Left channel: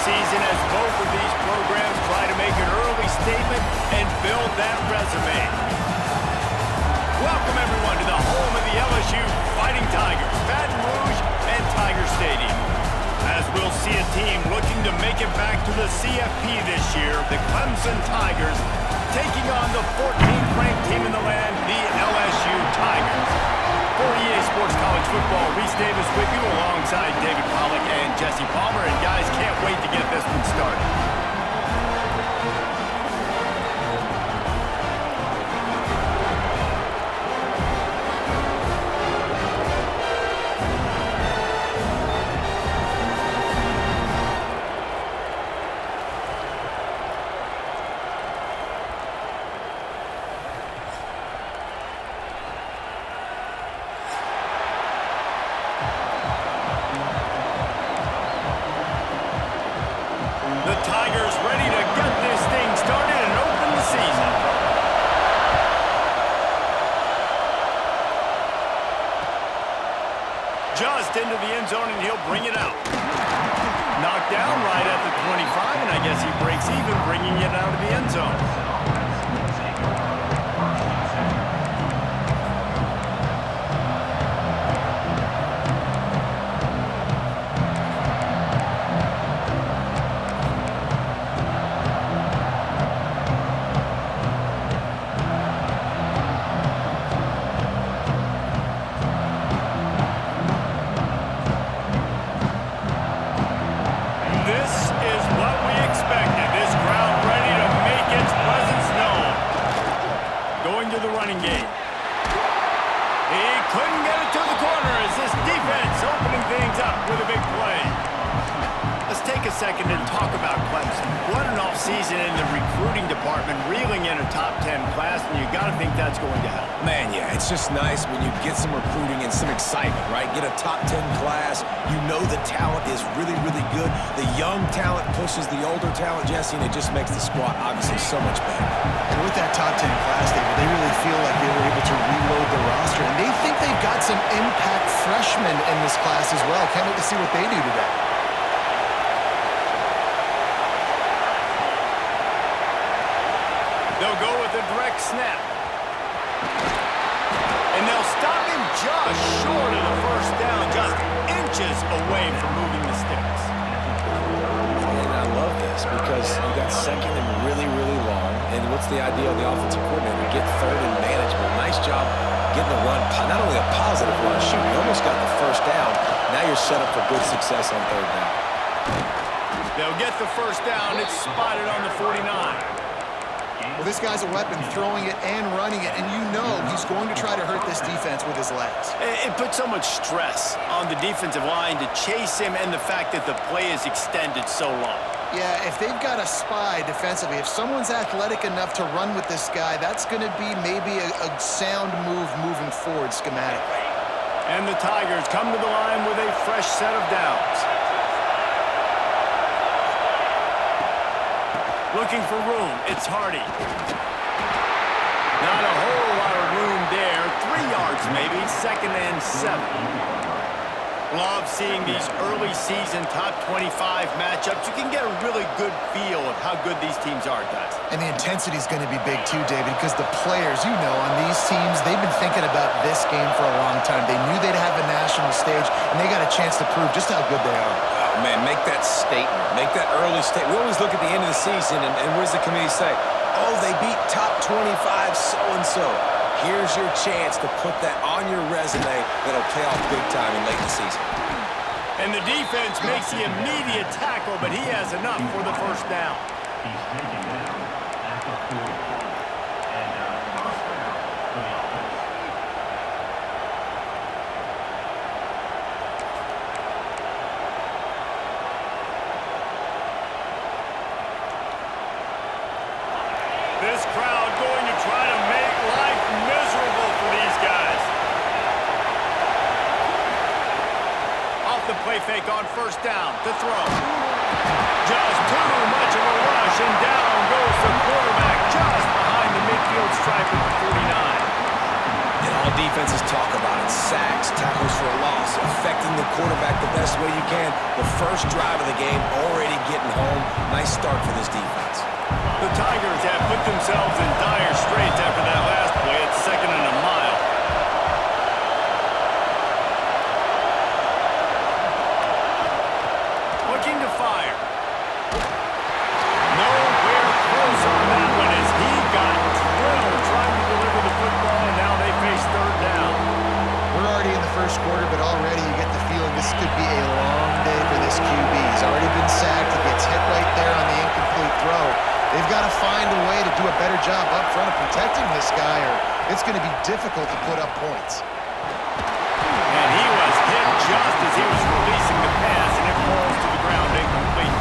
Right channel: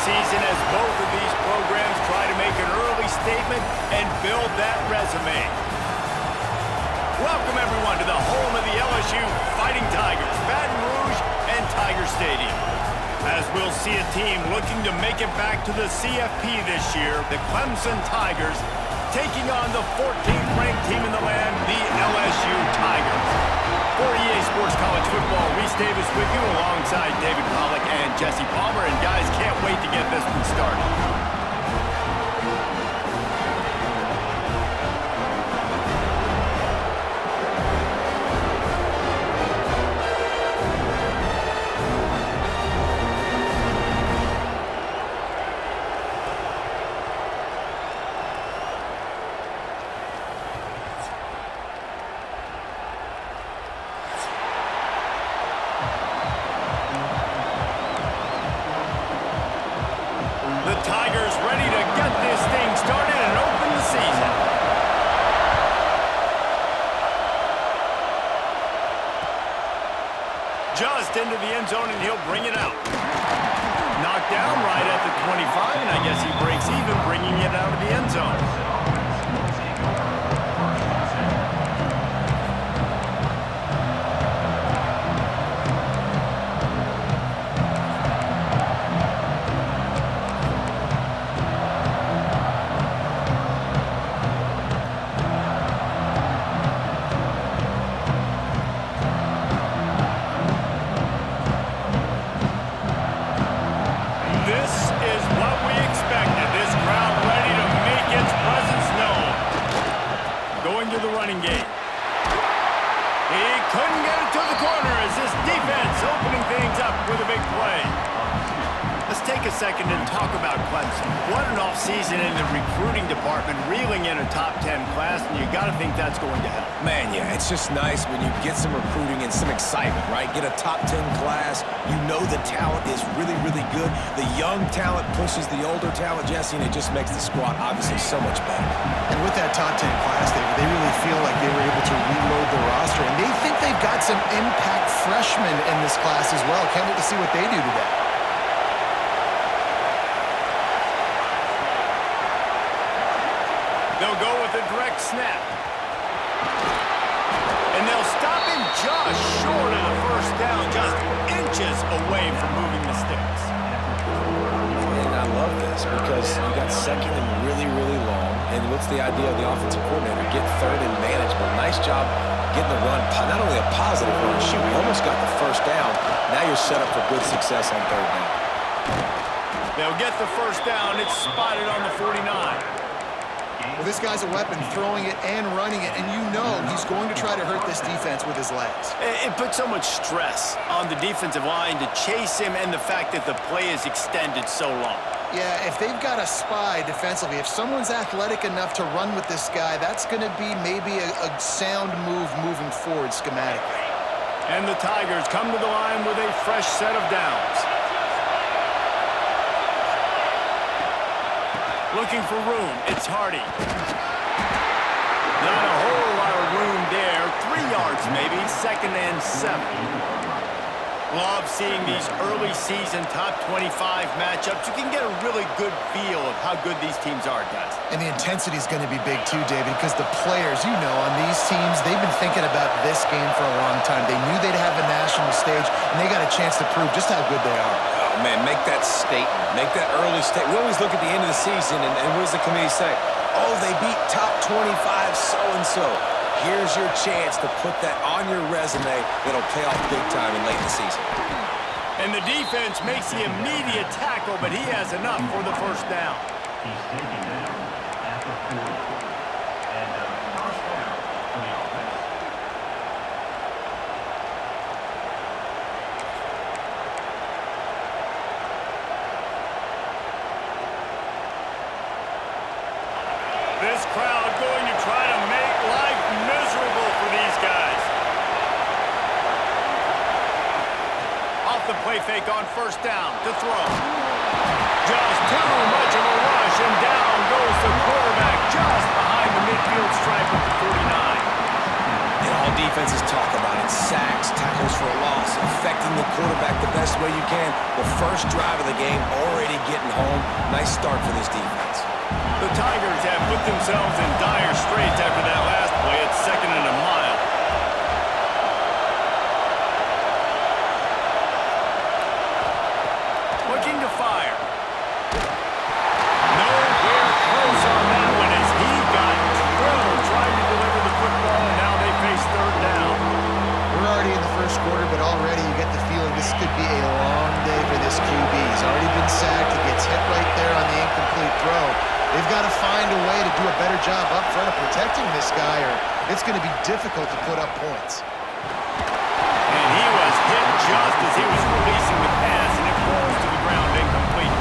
season as both of these programs try to make an early statement and build that resume. Welcome, everyone, to the home of the LSU Fighting Tigers, Baton Rouge and Tiger Stadium. As we'll see a team looking to make it back to the CFP this year, the Clemson Tigers taking on the 14th ranked team in the land, the LSU Tigers. For EA Sports College Football, Reese Davis with you alongside David Pollack and Jesse Palmer. And guys, can't wait to get this one started. The Tigers ready to get this thing started and open the season. Just into the end zone, and he'll bring it out. Knocked down right at the 25, and I guess he breaks even, bringing it out of the end zone. This is what we expected. This crowd ready to make its presence known. Going to the running game. He couldn't get it to the corner as this defense opening things up with a big play. Let's take a second and talk about Clemson. What an offseason in the recruiting department, reeling in a top 10 class, and you got to think that's going to help. Man, yeah, it's just nice when you get some recruiting and some excitement, right? Get a top 10 class. You know the talent is really, really good. The young talent pushes the older talent, Jesse, and it just makes the squad obviously so much better. And with that top 10 class, David, they really feel like they were able to reload the roster, and they think they've got some impact freshmen in this class as well. Can't wait to see what they do today. They'll go with a direct snap. And they'll stop him just short of the first down, just inches away from moving the sticks. And I love this because you got second and really, really long. And what's the idea of the offensive coordinator? Get third and manageable. Nice job getting the run, not only a positive run, shoot, you almost got the first down. Now you're set up for good success on third down. They'll get the first down. It's spotted on the 49. Well, this guy's a weapon, throwing it and running it, and you know he's going to try to hurt this defense with his legs. It puts so much stress on the defensive line to chase him, and the fact that the play is extended so long. Yeah, if they've got a spy defensively, if someone's athletic enough to run with this guy, that's going to be maybe a sound move moving forward schematically. And the Tigers come to the line with a fresh set of downs. Looking for room, it's Hardy. Not a whole lot of room there. 3 yards maybe, 2nd and 7. Love seeing these early season top 25 matchups. You can get a really good feel of how good these teams are, guys. And the intensity is going to be big too, David, because the players, you know, on these teams, they've been thinking about this game for a long time. They knew they'd have a national stage, and they got a chance to prove just how good they are. Oh, man, make that statement. Make that early statement. We always look at the end of the season, and what does the committee say? Oh, they beat top 25 so-and-so. Here's your chance to put that on your resume that'll pay off big time in late in the season. And the defense makes the immediate tackle, but he has enough for the first down. He's taken down at the 40. And first down for the offense. This crowd going to try to make life miserable for these guys. Off the play fake on first down to throw. Just too much of a rush, and down goes the quarterback just behind the midfield stripe at the 49. And all Well, defenses talk about it. Sacks, tackles for a loss, affecting the quarterback the best way you can. The first drive of the game already getting home. Nice start for this defense. The Tigers have put themselves in dire straits after that last play at 2nd and a mile. Looking to fire. Nowhere close on that one as he got drilled trying to deliver the football, and now they face 3rd down. We're already in the first quarter, but already you get the feeling this could be a long day for this QB. He's already been sacked. He gets hit right there on the incomplete throw. They've got to find a way to do a better job up front of protecting this guy, or it's going to be difficult to put up points. And he was hit just as he was releasing the pass, and it falls to the ground incomplete.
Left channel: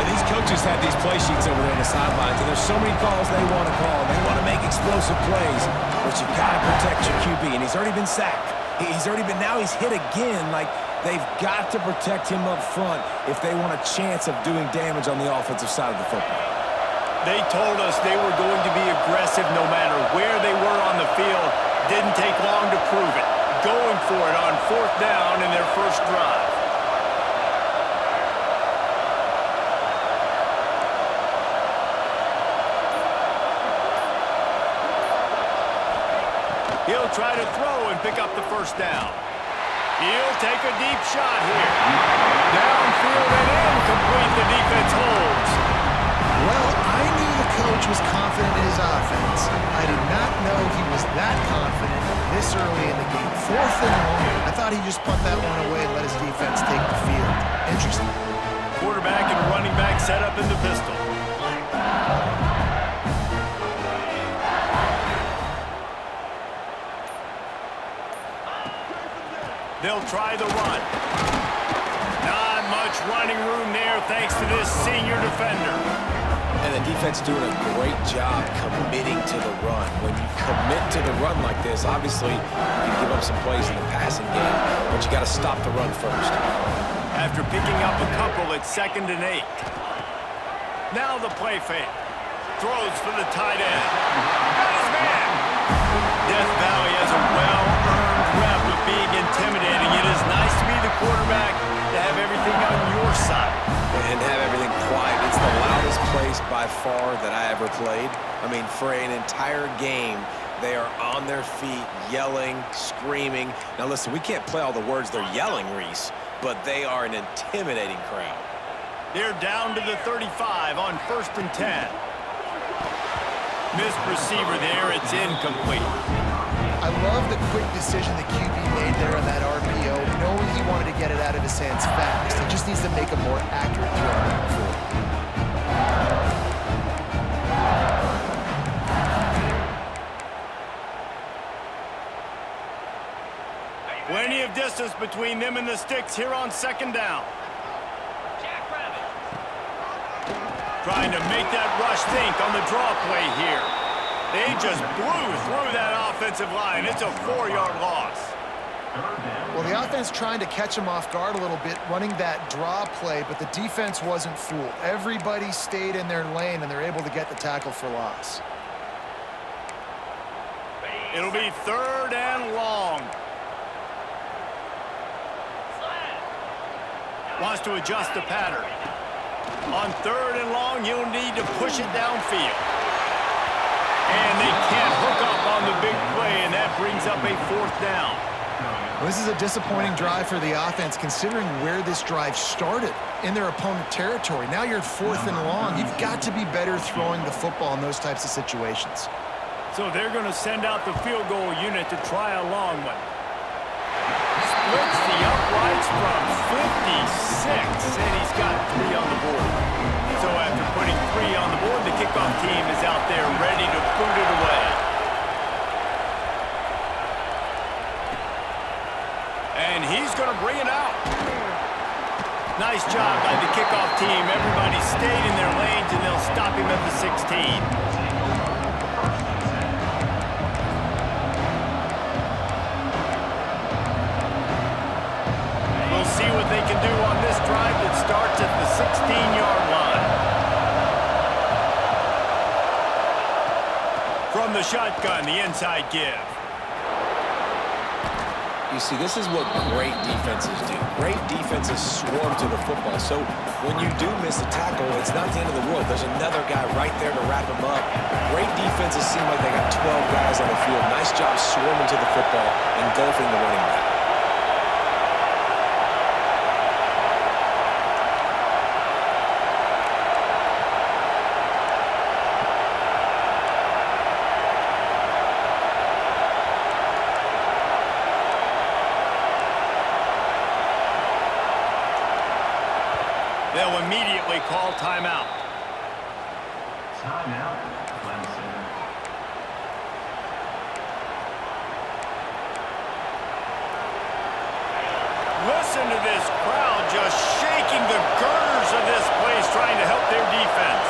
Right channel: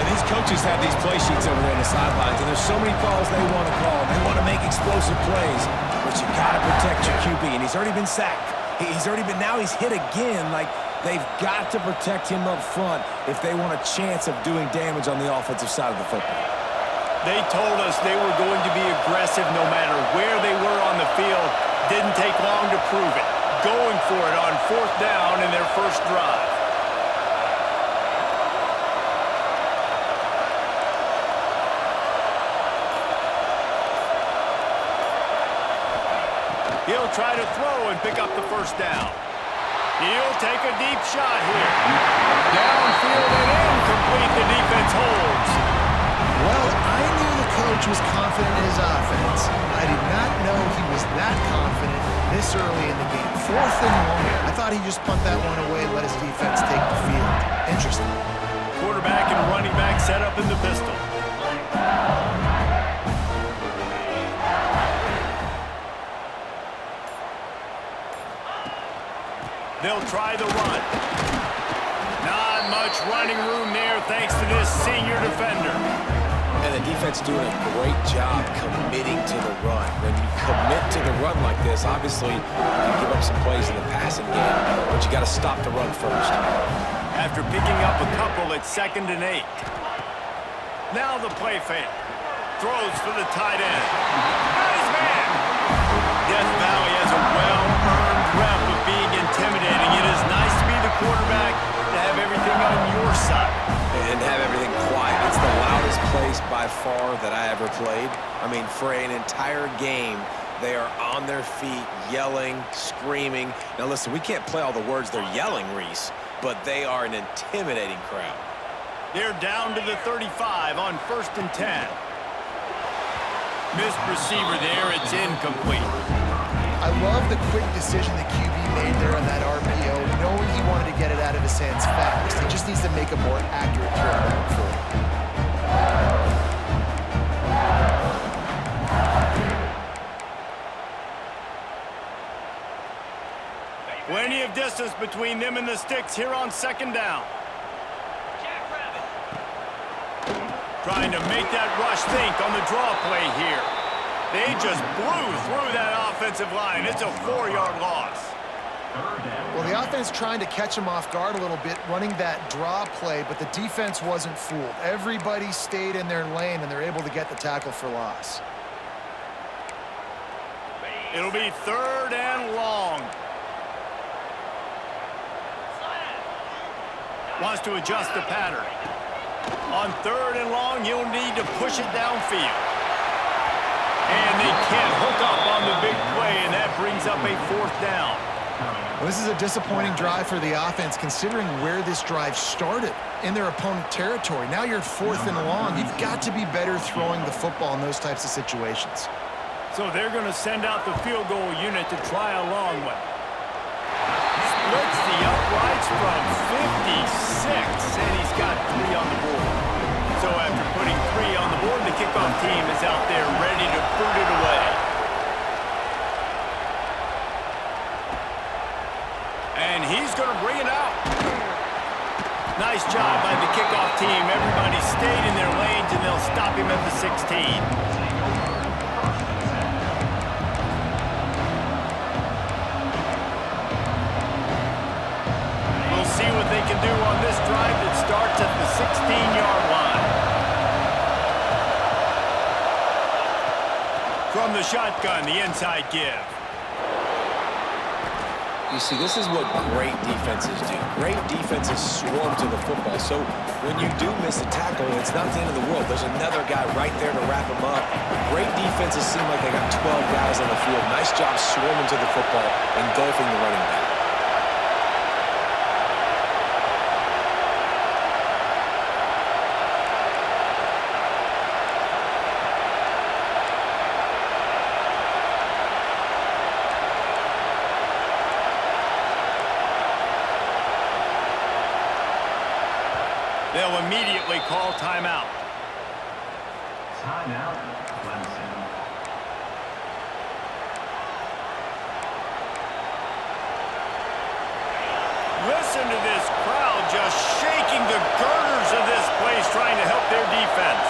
And these coaches have these play sheets over there in the sidelines, and there's so many calls they want to call. They want to make explosive plays, but you got to protect your QB, and he's already been sacked. Now he's hit again. Like, they've got to protect him up front if they want a chance of doing damage on the offensive side of the football. They told us they were going to be aggressive no matter where they were on the field. Didn't take long to prove it. Going for it on 4th down in their first drive. He'll try to throw and pick up the 1st down. He'll take a deep shot here. Downfield and incomplete. The defense holds. Well, I knew the coach was confident in his offense. I did not know he was that confident this early in the game. 4th and long. I thought he'd just punt that one away and let his defense take the field. Interesting. Quarterback and running back set up in the pistol. They'll try the run. Not much running room there thanks to this senior defender. And the defense doing a great job committing to the run. When you commit to the run like this, obviously you can give up some plays in the passing game, but you got to stop the run first. After picking up a couple, it's 2nd and 8. Now the play fake. Throws for the tight end. Got his man. Death Valley has a well-earned rep of being intimidating. It is nice to be the quarterback, to have everything on your side. And have everything quiet. It's the loudest place by far that I ever played. I mean, for an entire game, they are on their feet, yelling, screaming. Now listen, we can't play all the words they're yelling, Reese, but they are an intimidating crowd. They're down to the 35 on 1st and 10. Missed receiver there, it's incomplete. I love the quick decision the QB made there on that RPO, knowing he wanted to get it out of his hands fast. He just needs to make a more accurate throw moving forward. Plenty of distance between them and the sticks here on 2nd down. Trying to make that rush think on the draw play here. They just blew through that offensive line. It's a 4-yard loss. Well, the offense trying to catch him off guard a little bit, running that draw play, but the defense wasn't fooled. Everybody stayed in their lane, and they're able to get the tackle for loss. It'll be 3rd and long. Wants to adjust the pattern. On 3rd and long, he'll need to push it downfield. And they can't hook up on the big play, and that brings up a 4th down. Well, this is a disappointing drive for the offense, considering where this drive started, in their opponent territory. Now you're at 4th and long. You've got to be better throwing the football in those types of situations. So they're going to send out the field goal unit to try a long one. Splits the uprights from 56, and he's got 3 on the board. So after putting 3 on the board, the kickoff team is out there ready to boot it away. And he's going to bring it out. Nice job by the kickoff team. Everybody stayed in their lanes, and they'll stop him at the 16. See what they can do on this drive that starts at the 16-yard line. From the shotgun, the inside give. You see, this is what great defenses do. Great defenses swarm to the football. So when you do miss a tackle, it's not the end of the world. There's another guy right there to wrap him up. Great defenses seem like they got 12 guys on the field. Nice job swarming to the football, engulfing the running back. They'll immediately call timeout. Timeout, Clemson. Listen to this crowd just shaking the girders of this place, trying to help their defense.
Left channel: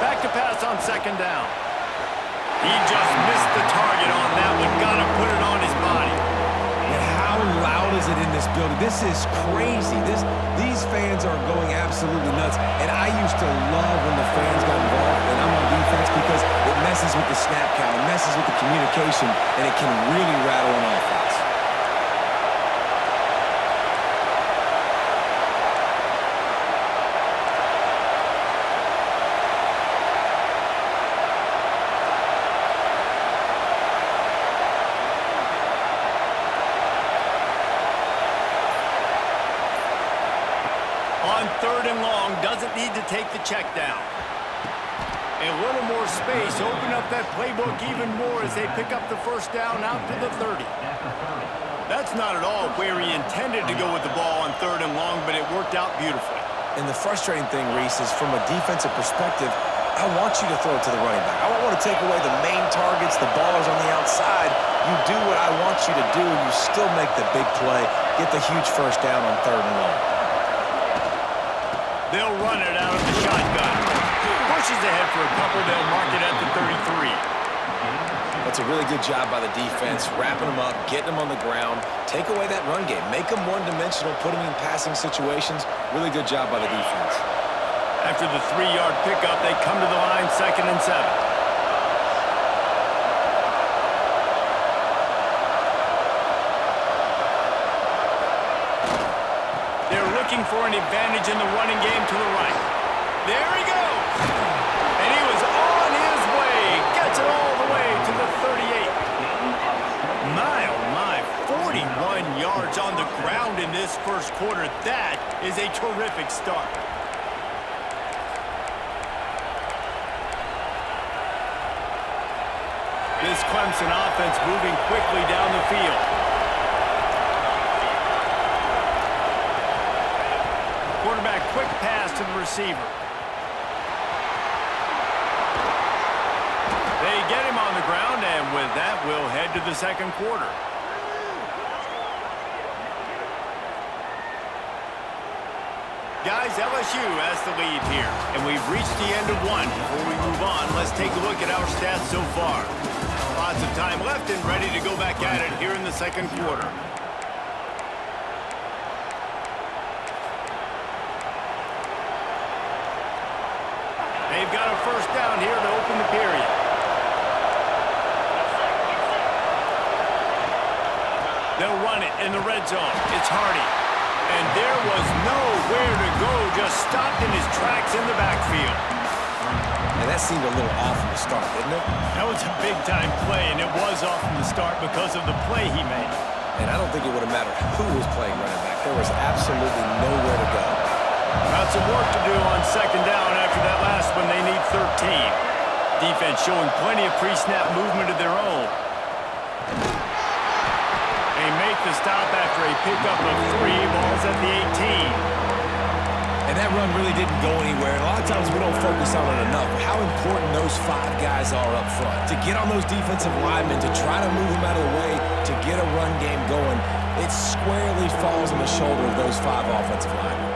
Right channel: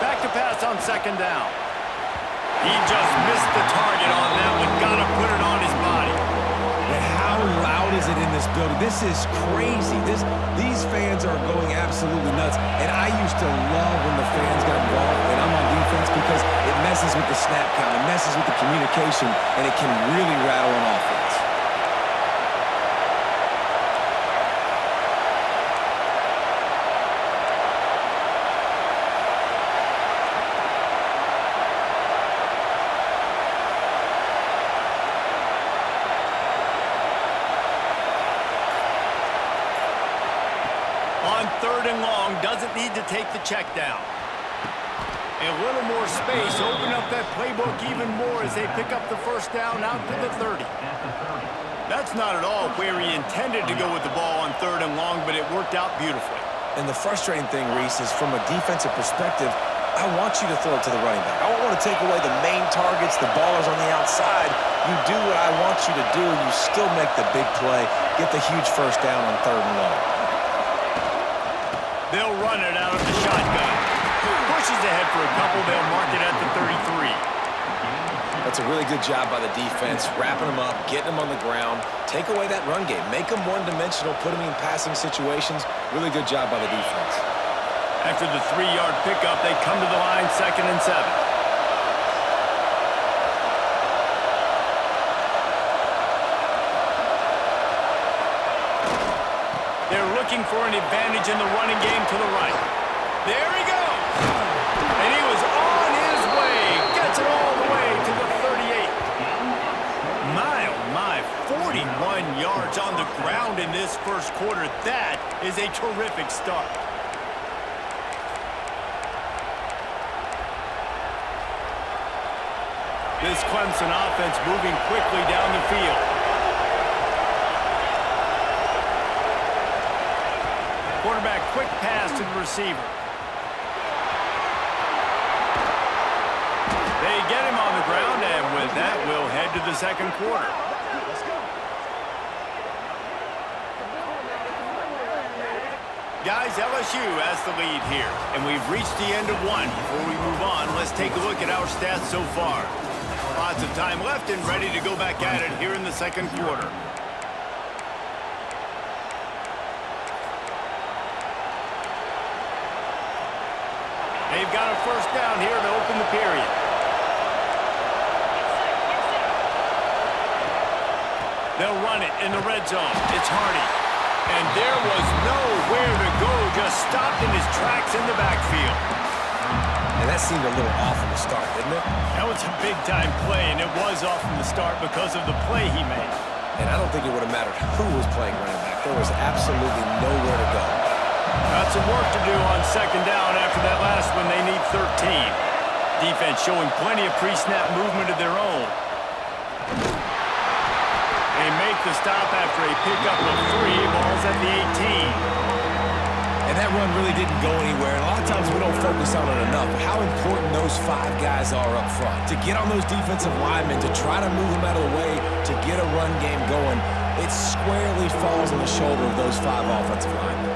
Back to pass on second down. He just missed the target on that one. Got to put it on his body. And how loud is it in this building? This is crazy. These fans are going absolutely nuts. And I used to love when the fans got involved, and I'm on defense, because it messes with the snap count, it messes with the communication, and it can really rattle an offense. On third and long, doesn't need to take the check down. A little more space, open up that playbook even more as they pick up the first down out to the 30. That's not at all where he intended to go with the ball on third and long, but it worked out beautifully. And the frustrating thing, Reese, is from a defensive perspective, I want you to throw it to the running back. I don't want to take away the main targets, the ballers on the outside. You do what I want you to do, and you still make the big play, get the huge first down on third and long. They'll run it out of the shotgun. Pushes ahead for a couple. They'll mark it at the 33. That's a really good job by the defense, wrapping them up, getting them on the ground. Take away that run game. Make them one-dimensional, put them in passing situations. Really good job by the defense. After the 3-yard pickup, they come to the line, 2nd and 7. They're looking for an advantage in the running game to the right. There he goes. And he was on his way. Gets it all the way to the 38. My, oh my, 41 yards on the ground in this first quarter. That is a terrific start. This Clemson offense moving quickly down the field. Quarterback, quick pass to the receiver. They get him on the ground, and with that, we'll head to the second quarter. Guys, LSU has the lead here, and we've reached the end of one. Before we move on, let's take a look at our stats so far. Lots of time left and ready to go back at it here in the second quarter. They've got a first down here to open the period. They'll run it in the red zone. It's Hardy. And there was nowhere to go, just stopped in his tracks in the backfield. And that seemed a little off from the start, didn't it? That was a big-time play, and it was off from the start because of the play he made. And I don't think it would have mattered who was playing running back. There was absolutely nowhere to go. Got some work to do on second down after that last one. They need 13. Defense showing plenty of pre-snap movement of their own. They make the stop after a pickup of 3. Ball's at the 18. And that run really didn't go anywhere. And a lot of times we don't focus on it enough. How important those 5 guys are up front. To get on those defensive linemen, to try to move them out of the way, to get a run game going, it squarely falls on the shoulder of those 5 offensive linemen.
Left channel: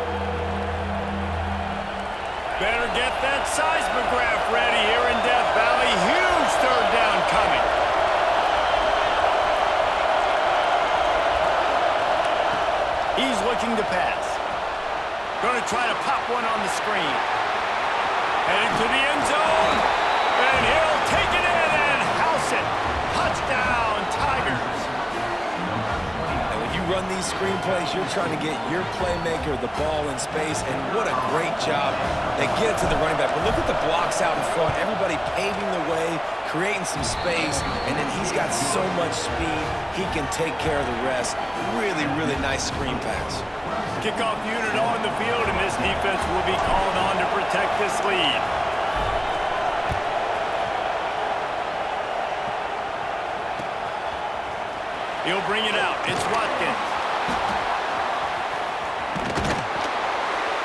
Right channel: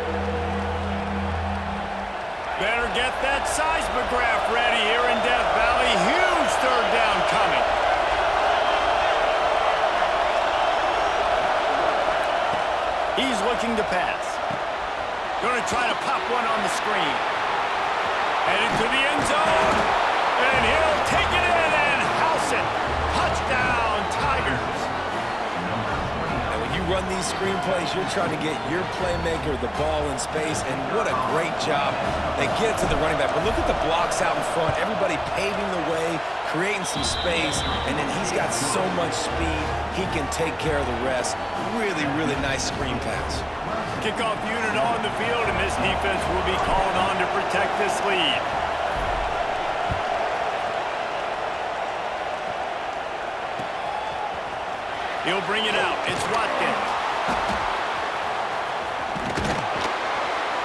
Better get that seismograph ready here in Death Valley. Huge third down coming. He's looking to pass. Going to try to pop one on the screen. Headed to the end zone. And he'll take it in and house it. Touchdown, Tigers. And when you run these screen plays, you're trying to get your playmaker the ball in space, and what a great job. They get it to the running back, but look at the blocks out in front. Everybody paving the way, creating some space, and then he's got so much speed, he can take care of the rest. Really, really nice screen pass. Kickoff unit on the field, and this defense will be called on to protect this lead. He'll bring it out. It's Watkins.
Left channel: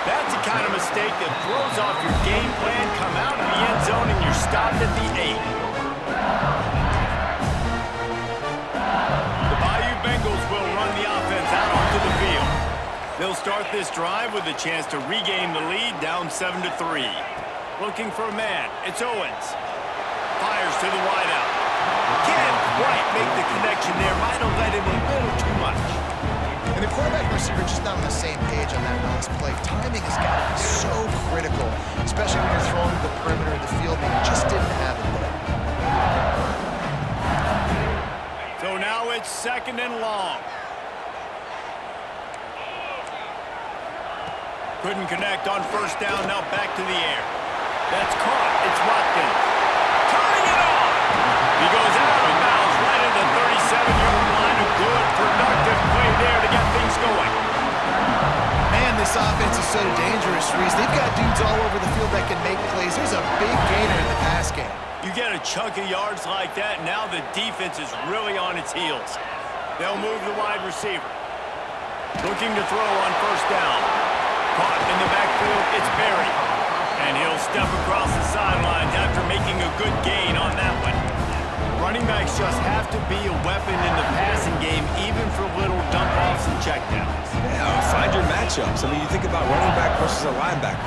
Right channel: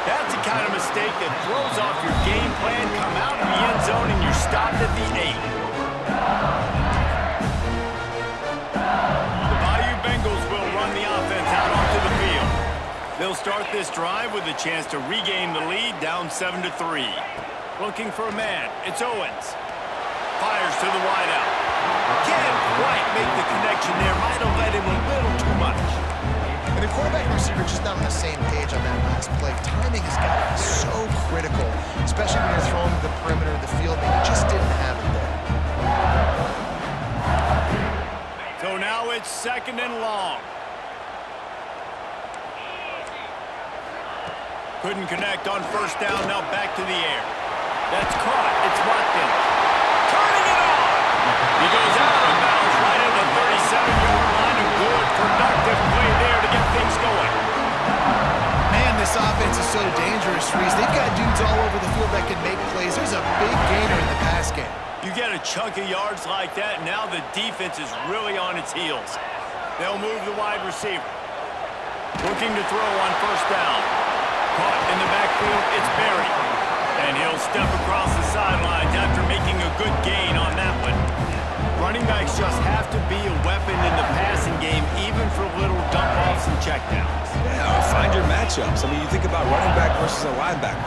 That's the kind of mistake that throws off your game plan. Come out in the end zone, and you're stopped at the 8. The Bayou Bengals will run the offense out onto the field. They'll start this drive with a chance to regain the lead, down 7-3. Looking for a man. It's Owens. Fires to the wideout. Can't quite make the connection there. Might have let him a little too much. And the quarterback and receiver just not on the same page on that last play. Timing has got to be so critical, especially when you're throwing to the perimeter of the field. They just didn't have it there. So now it's 2nd and long. Couldn't connect on 1st down. Now back to the air. That's caught. It's Watkins. Turning it on. He goes out of bounds right at the 37-yard line. A good, productive play there to get things going. Man, this offense is so dangerous, Reese. They've got dudes all over the field that can make plays. There's a big gainer in the pass game. You get a chunk of yards like that, now the defense is really on its heels. They'll move the wide receiver. Looking to throw on 1st down. Caught in the backfield, it's Berry. And he'll step across the sidelines after making a good gain on that one. Running backs just have to be a weapon in the passing game, even for little dump-offs and checkdowns. Yeah, find your matchups. I mean, you think about running back versus a linebacker.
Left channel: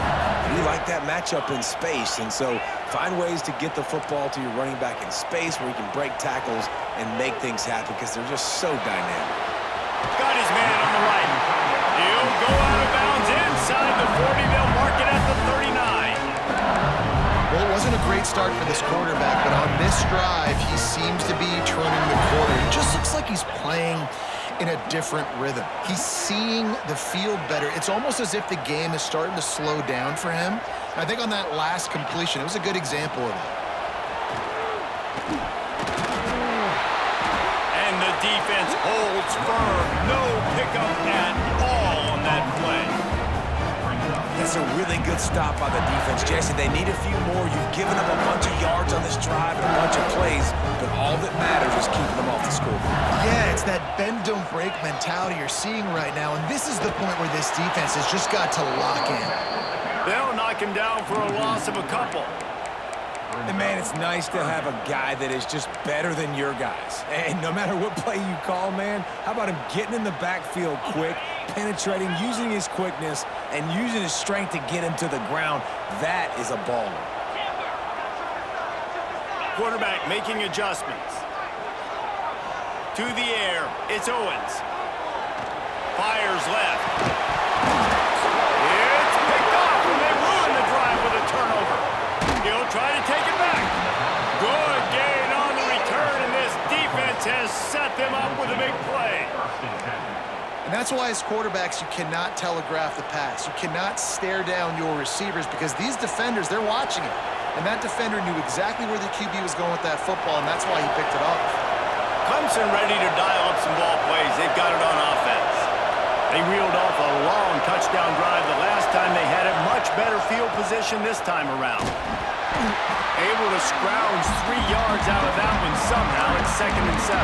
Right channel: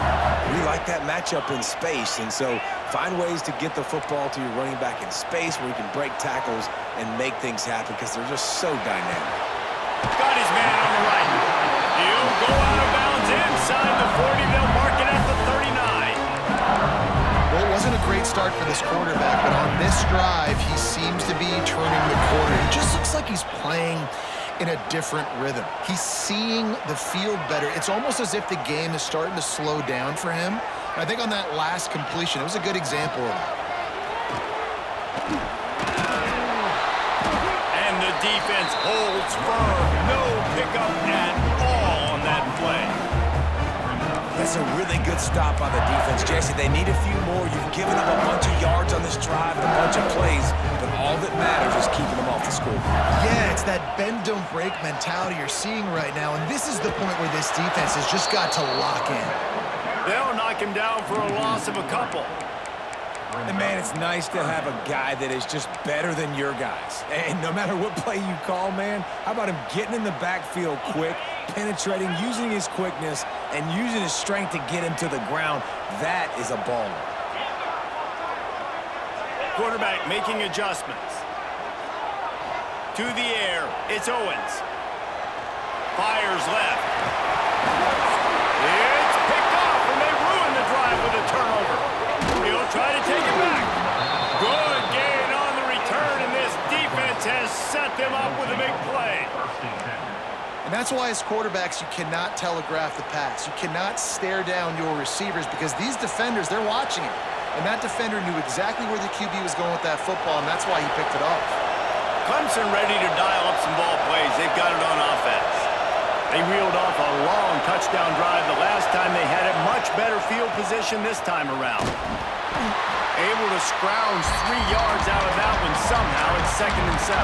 We like that matchup in space, and so find ways to get the football to your running back in space where you can break tackles and make things happen because they're just so dynamic. Got his man on the right. He'll go out of bounds inside the 40. They'll mark it at the 39. Well, it wasn't a great start for this quarterback, but on this drive, he seems to be turning the corner. He just looks like he's playing in a different rhythm. He's seeing the field better. It's almost as if the game is starting to slow down for him. And I think on that last completion, it was a good example of that. And the defense holds firm. No pickup at all on that play. That's a really good stop by the defense. Jesse, they need a few more. You've given up a bunch of yards on this drive and a bunch of plays, but all that matters is keeping them off the scoreboard. Yeah, it's that bend, don't break mentality you're seeing right now, and this is the point where this defense has just got to lock in. They'll knock him down for a loss of a couple. And, man, it's nice to have a guy that is just better than your guys. And no matter what play you call, man, how about him getting in the backfield quick, penetrating, using his quickness, and using his strength to get him to the ground? That is a baller. Quarterback making adjustments. To the air, it's Owens. Fires left. It's picked off, and they ruin the drive with a turnover. He'll try to take it back. Good gain on the return, and this defense has set them up with a big play. And that's why as quarterbacks, you cannot telegraph the pass. You cannot stare down your receivers because these defenders, they're watching it. And that defender knew exactly where the QB was going with that football, and that's why he picked it off. Clemson ready to dial up some ball plays. They've got it on offense. They reeled off a long touchdown drive the last time they had it. Much better field position this time around. Able to scrounge 3 yards out of that one somehow. It's 2nd and 7.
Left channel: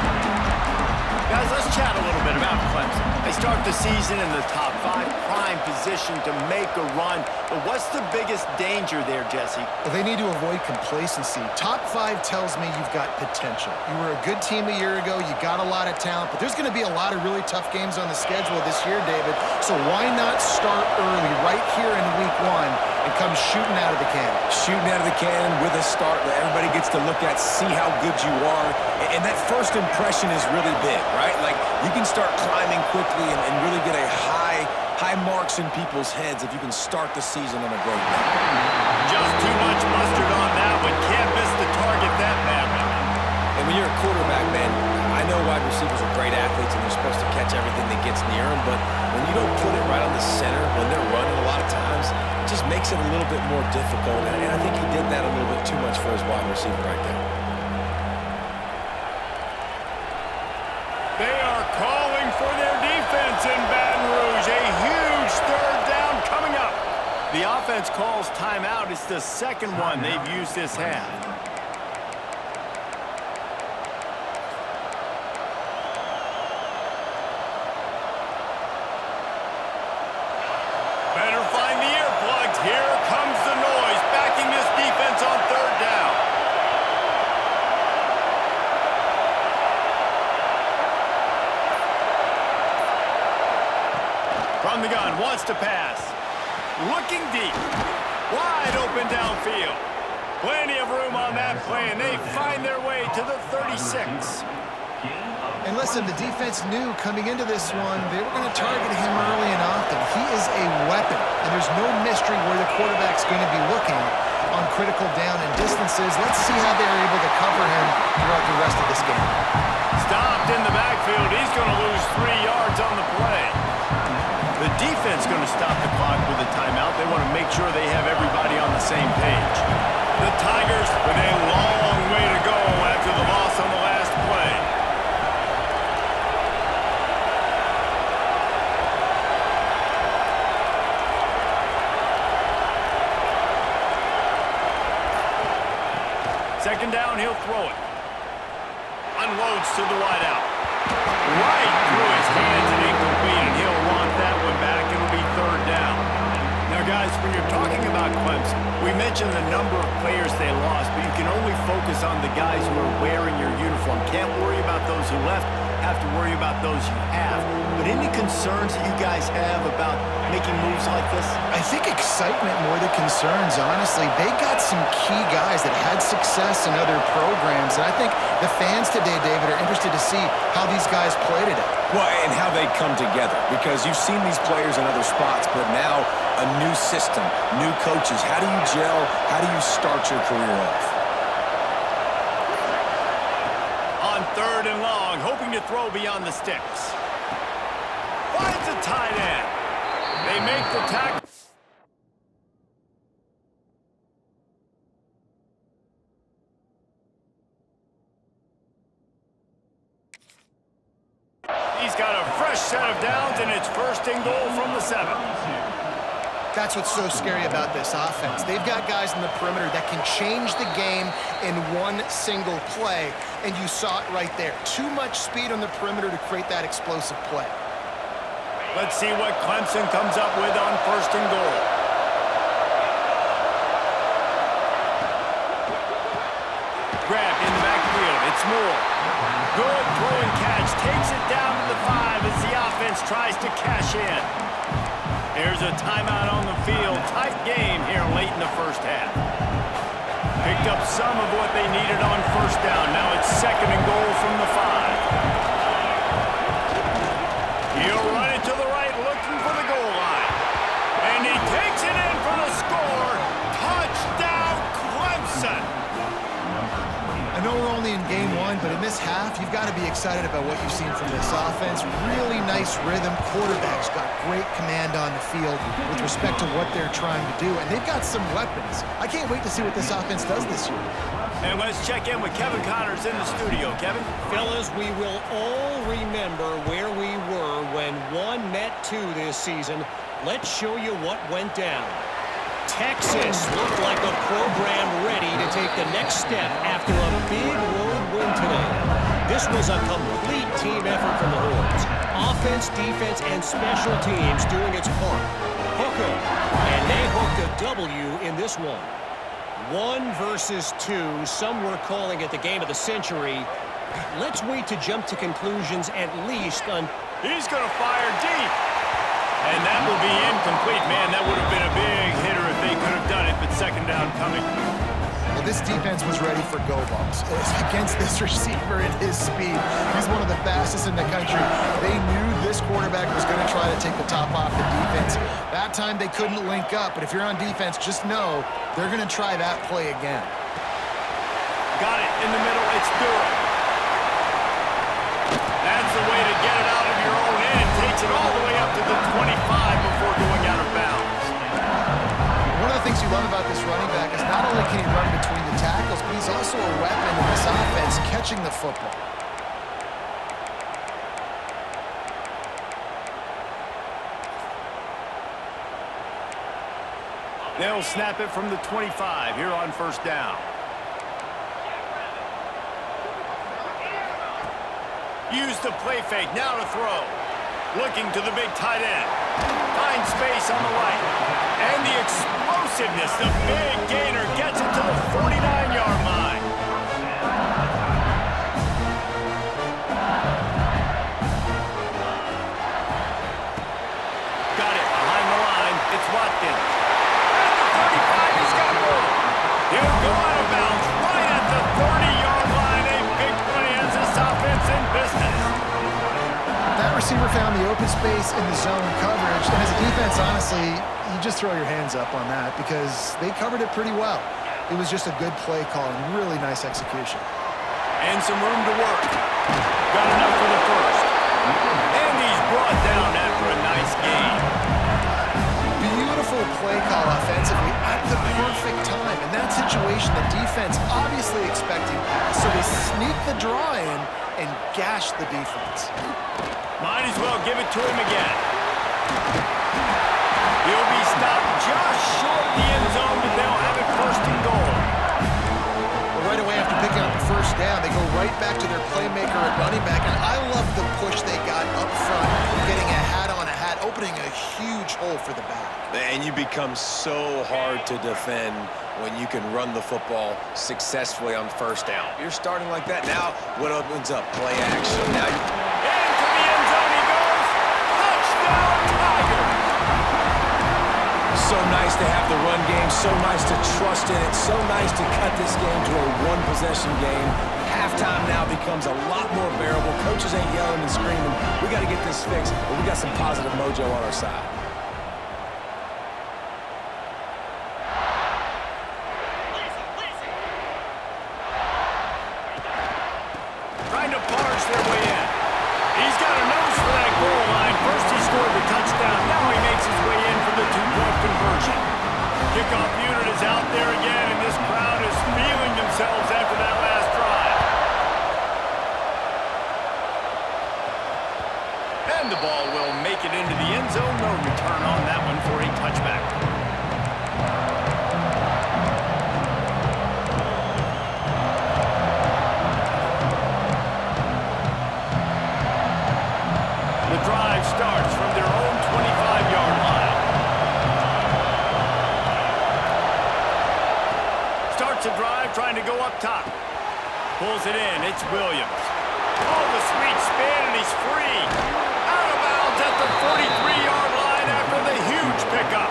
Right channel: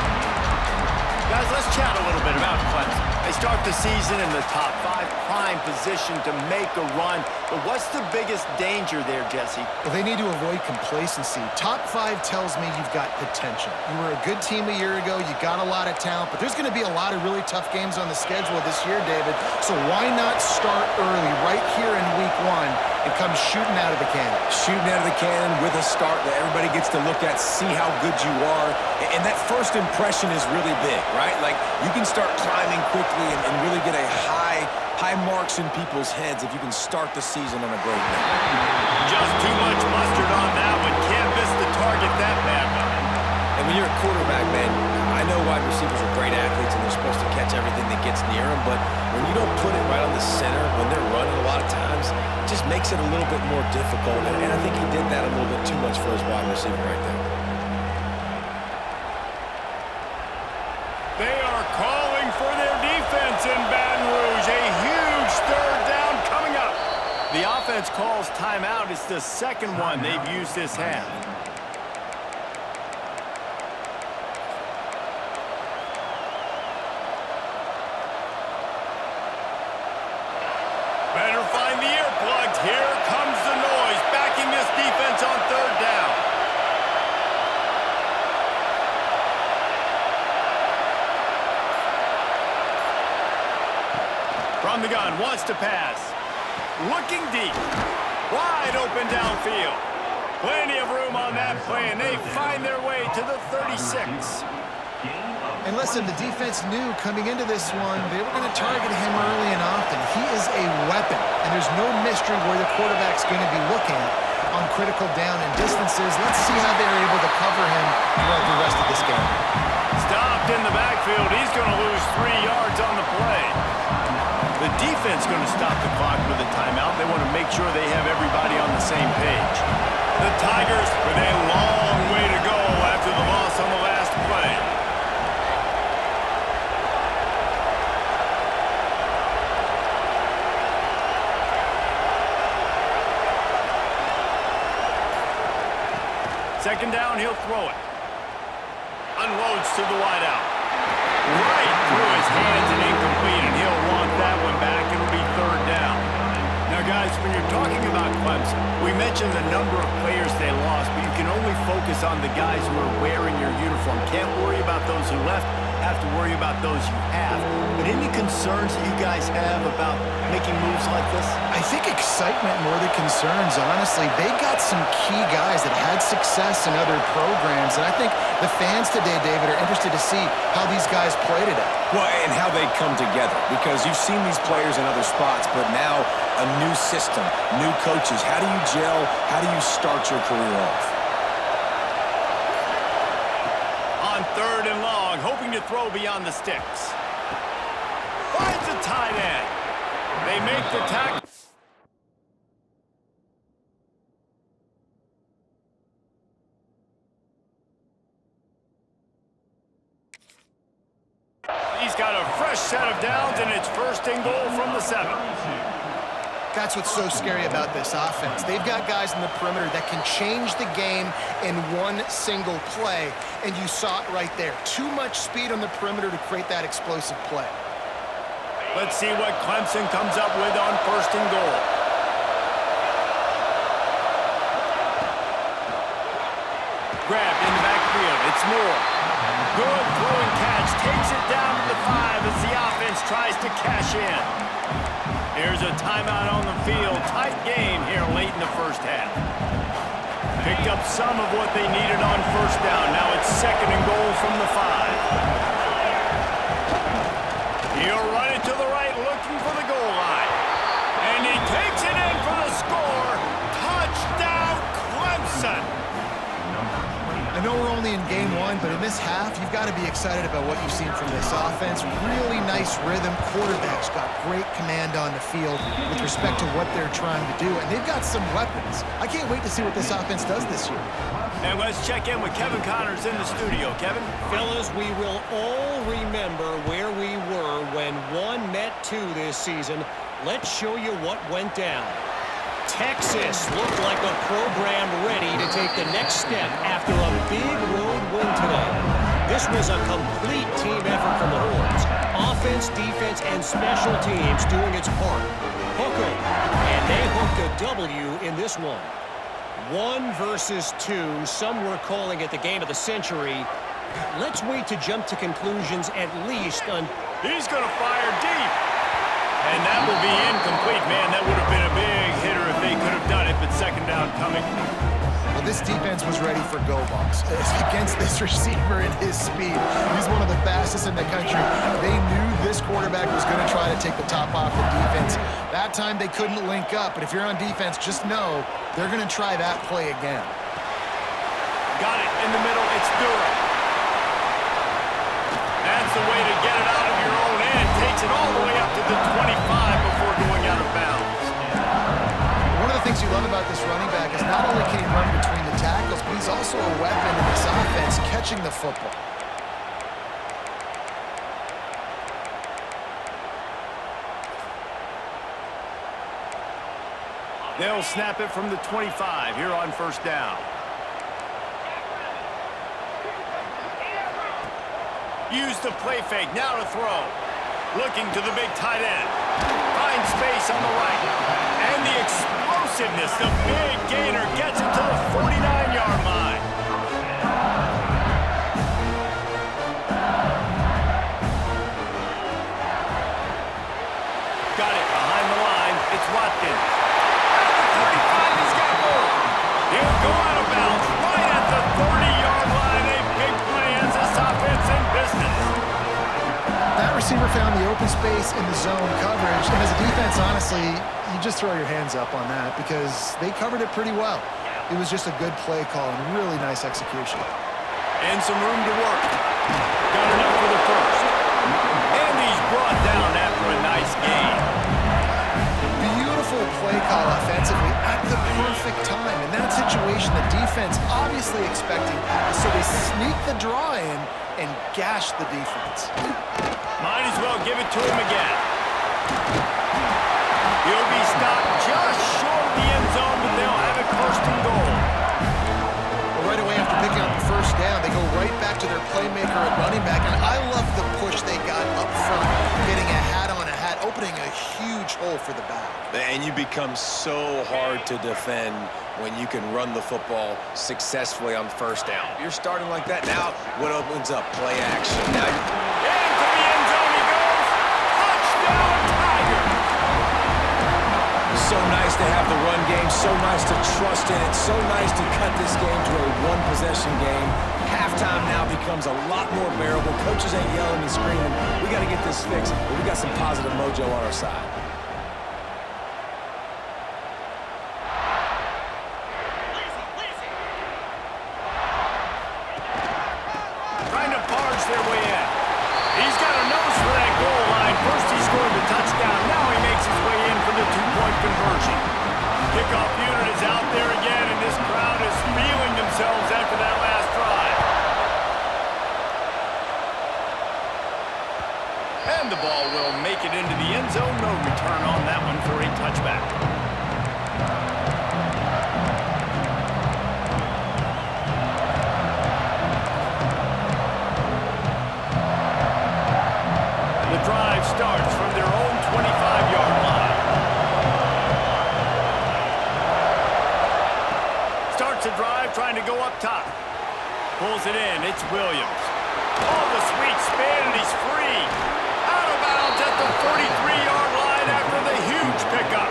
Guys, let's chat a little bit about Clemson. They start the season in the top 5, prime position to make a run. But what's the biggest danger there, Jesse? Well, they need to avoid complacency. Top 5 tells me you've got potential. You were a good team a year ago. You got a lot of talent. But there's going to be a lot of really tough games on the schedule this year, David. So why not start early right here in week 1 and comes shooting out of the cannon. Shooting out of the cannon with a start that everybody gets to look at, see how good you are. And that first impression is really big, right? Like, you can start climbing quickly and really get a high marks in people's heads if you can start the season on a great note. Just too much mustard on that one. Can't miss the target that badly. And when you're a quarterback, man, I know wide receivers are great athletes and they're supposed to catch everything that gets near them, but when you don't put it right on the center, when they're running a lot of times, it just makes it a little bit more difficult. And I think he did that a little bit too much for his wide receiver right there. They are calling for their defense in Baton Rouge. A huge third down coming up. The offense calls timeout. It's the second one they've used this half. Better find the earplugs. Here comes the noise, backing this defense on third down. From the gun, wants to pass. Looking deep. Wide open downfield. Plenty of room on that play, and they find their way to the 36. And listen, the defense knew coming into this one, they were going to target him early and often. He is a weapon, and there's no mystery where the quarterback's going to be looking on critical down and distances. Let's see how they're able to cover him throughout the rest of this game. Stopped in the backfield. He's going to lose 3 yards on the play. The defense going to stop the clock with a timeout. They want to make sure they have everybody on the same page. The Tigers with a long way to go after the loss on the last play. Second down, he'll throw it. Unloads to the wideout. Right through his hands and incomplete, and he'll want that one back. It'll be third down. Now, guys, when you're talking about Clemson, we mentioned the number of players they lost, but you can only focus on the guys who are wearing your uniform. Can't worry about those who left. Have to worry about those you have. But any concerns that you guys have about making moves like this? I think excitement more than concerns, honestly. They got some key guys that had success in other programs, and I think the fans today, David, are interested to see how these guys play today. Well, and how they come together, because you've seen these players in other spots, but now a new system, new coaches. How do you gel? How do you start your career off? On third and long, hoping to throw beyond the sticks. Finds a tight end. They make the tackle. He's got a fresh set of downs, and it's first and goal from the 7. That's what's so scary about this offense. They've got guys in the perimeter that can change the game in one single play, and you saw it right there. Too much speed on the perimeter to create that explosive play. Let's see what Clemson comes up with on first and goal. Grabbed in the backfield. It's Moore. Good throwing catch. Takes it down to the 5 as the offense tries to cash in. Here's a timeout on the field. Tight game here late in the first half. Picked up some of what they needed on first down. Now it's second and goal from the 5. He'll run it to the right, looking for the goal line. And he takes it in for the score. Touchdown, Clemson. I know we're only in game 1, but in this half, you've got to be excited about what you've seen from this offense. Really nice rhythm. Quarterback's got great command on the field with respect to what they're trying to do, and they've got some weapons. I can't wait to see what this offense does this year. And let's check in with Kevin Connors in the studio. Kevin? Fellas, we will all remember where we were when 1 met 2 this season. Let's show you what went down. Texas looked like a program ready to take the next step after a big road win today. This was a complete team effort from the Horns. Offense, defense, and special teams doing its part. Hook 'em. And they hooked a W in this one. 1 versus 2. Some were calling it the game of the century. Let's wait to jump to conclusions at least on... He's going to fire deep. And that will be incomplete. Man, that would have been a big hitter if they could have second down coming. Well, this defense was ready for go balls against this receiver and his speed. He's one of the fastest in the country. They knew this quarterback was going to try to take the top off the defense. That time they couldn't link up, but if you're on defense, just know they're going to try that play again. Got it in the middle. It's Durham. That's the way to get it out of your own end. Takes it all the way up to the 25 before going out of bounds. One of the things you love about this running back is not only can he run between the tackles, but he's also a weapon in this offense catching the football. They'll snap it from the 25 here on first down. Use the play fake, now to throw. Looking to the big tight end. Finds space on the right. And the explosiveness, the big gainer gets it to the 49-yard line. Got it behind the line. It's Watkins. At the 35, he's got more. He'll go out of bounds right at the 30-yard line. A big play as this offense in business. That receiver found the open space in the zone coverage, and as a defense, honestly, you just throw your hands up on that because they covered it pretty well. It was just a good play call and really nice execution. And some room to work. Got enough for the first. And he's brought down after a nice gain. Beautiful play call offensively at the perfect time. In that situation, the defense obviously expecting pass, so they sneak the draw in and gash the defense. Might as well give it to him again. He'll be stopped just short of the end zone, but they'll have it first and goal. Well, right away after picking up the first down, they go right back to their playmaker at running back, and I love the push they got up front, getting a hat on a hat, opening a huge hole for the back. And you become so hard to defend when you can run the football successfully on first down. You're starting like that. Now, what opens up? Play action. Now Into the end zone he goes. Touchdown, Tigers! so nice to have the run game, so nice to trust in it, so nice to cut this game to a one-possession game. Halftime now becomes a lot more bearable. Coaches ain't yelling and screaming. We got to get this fixed, but we got some positive mojo on our side. Trying to barge their way in. He's got a nose for that goal line. First he scored the touchdown. Now he makes his way in for the two-point conversion. Kickoff unit is out there again, and this crowd is feeling themselves after that last drive. And the ball will make it into the end zone. No return on that one for a touchback. The drive starts from their own 25-yard line. Starts a drive trying to go up top. Pulls it in. It's Williams. Oh, the sweet spin, and he's free. Out of bounds at the 43-yard line after the huge pickup.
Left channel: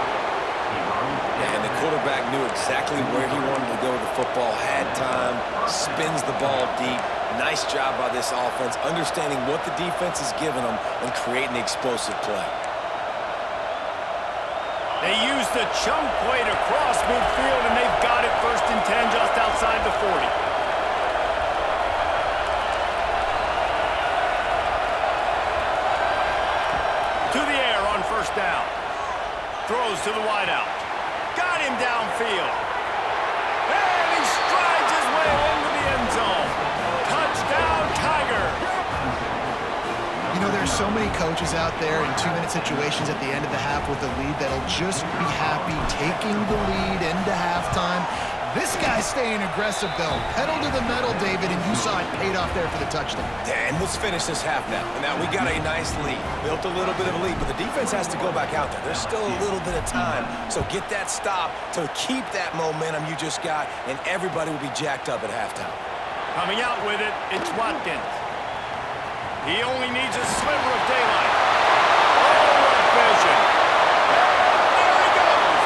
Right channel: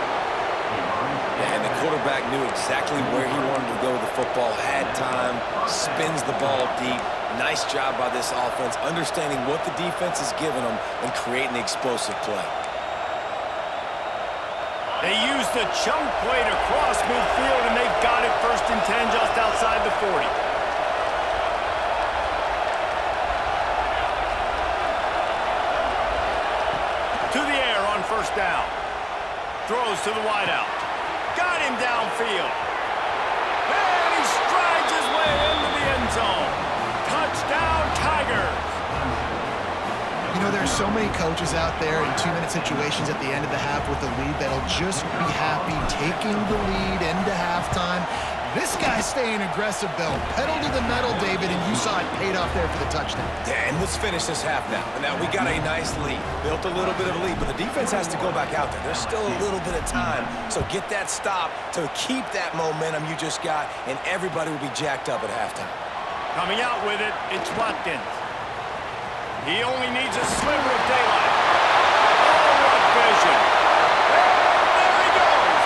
Yeah, and the quarterback knew exactly where he wanted to go with the football, had time, spins the ball deep. Nice job by this offense, understanding what the defense is giving them and creating the explosive play. They use the chunk play to cross midfield, and they've got it first and 10 just outside the 40. To the air on first down. Throws to the wideout. Got him downfield. And he strides his way into the end zone. Touchdown, Tigers. You know, there's so many coaches out there in two-minute situations at the end of the half with a lead that'll just be happy taking the lead into halftime. This guy's staying aggressive, though. Pedal to the metal, David, and you saw it paid off there for the touchdown. And let's finish this half now. Now, we got a nice lead. Built a little bit of a lead, but the defense has to go back out there. There's still a little bit of time. So get that stop to keep that momentum you just got, and everybody will be jacked up at halftime. Coming out with it, it's Watkins. He only needs a sliver of daylight. Oh, what vision. And there he goes.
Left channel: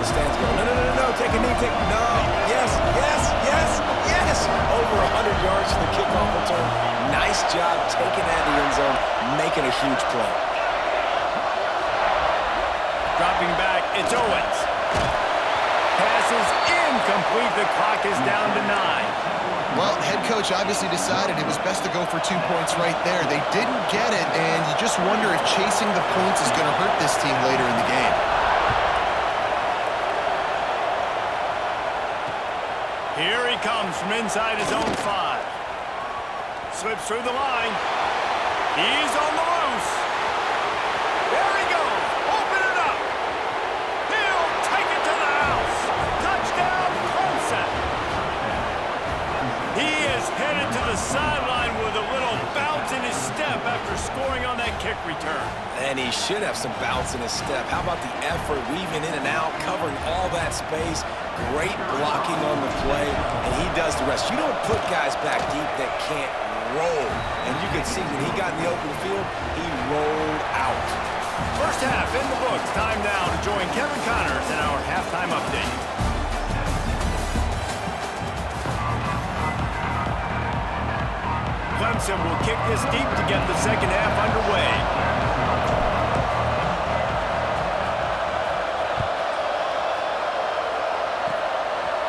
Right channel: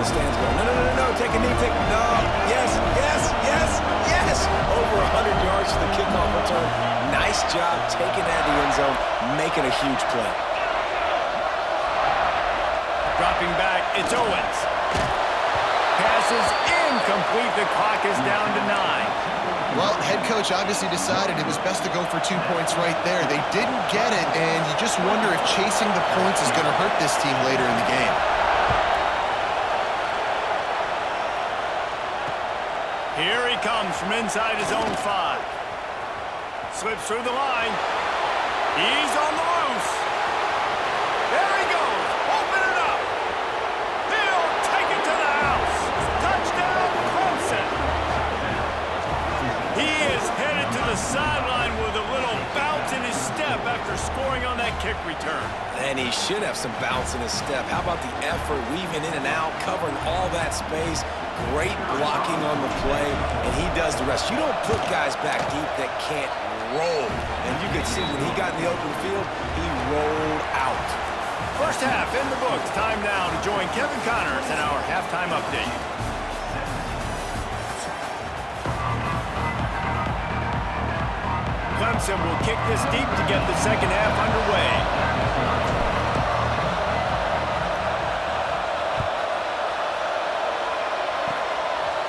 the stands going, no, no, no, no, no, take a knee, no, yes, yes, yes, yes. Over 100 yards for the kickoff return. Nice job taking that to the end zone, making a huge play. Dropping back, it's Owens. Pass is incomplete. The clock is down to 9. Well, head coach obviously decided it was best to go for 2 points right there. They didn't get it, and you just wonder if chasing the points is going to hurt this team later in the game. Here he comes from inside his own 5. Slips through the line. He's on the loose. There he goes. Open it up. He'll take it to the house. Touchdown, Clemson. He is headed to the sideline with a little bounce in his step after scoring on that kick return. And he should have some bounce in his step. How about the effort, weaving in and out, covering all that space. Great blocking on the play, and he does the rest. You don't put guys back deep that can't roll. And you can see when he got in the open field, he rolled out. First half in the books. Time now to join Kevin Connors in our halftime update. Clemson will kick this deep to get the second half underway.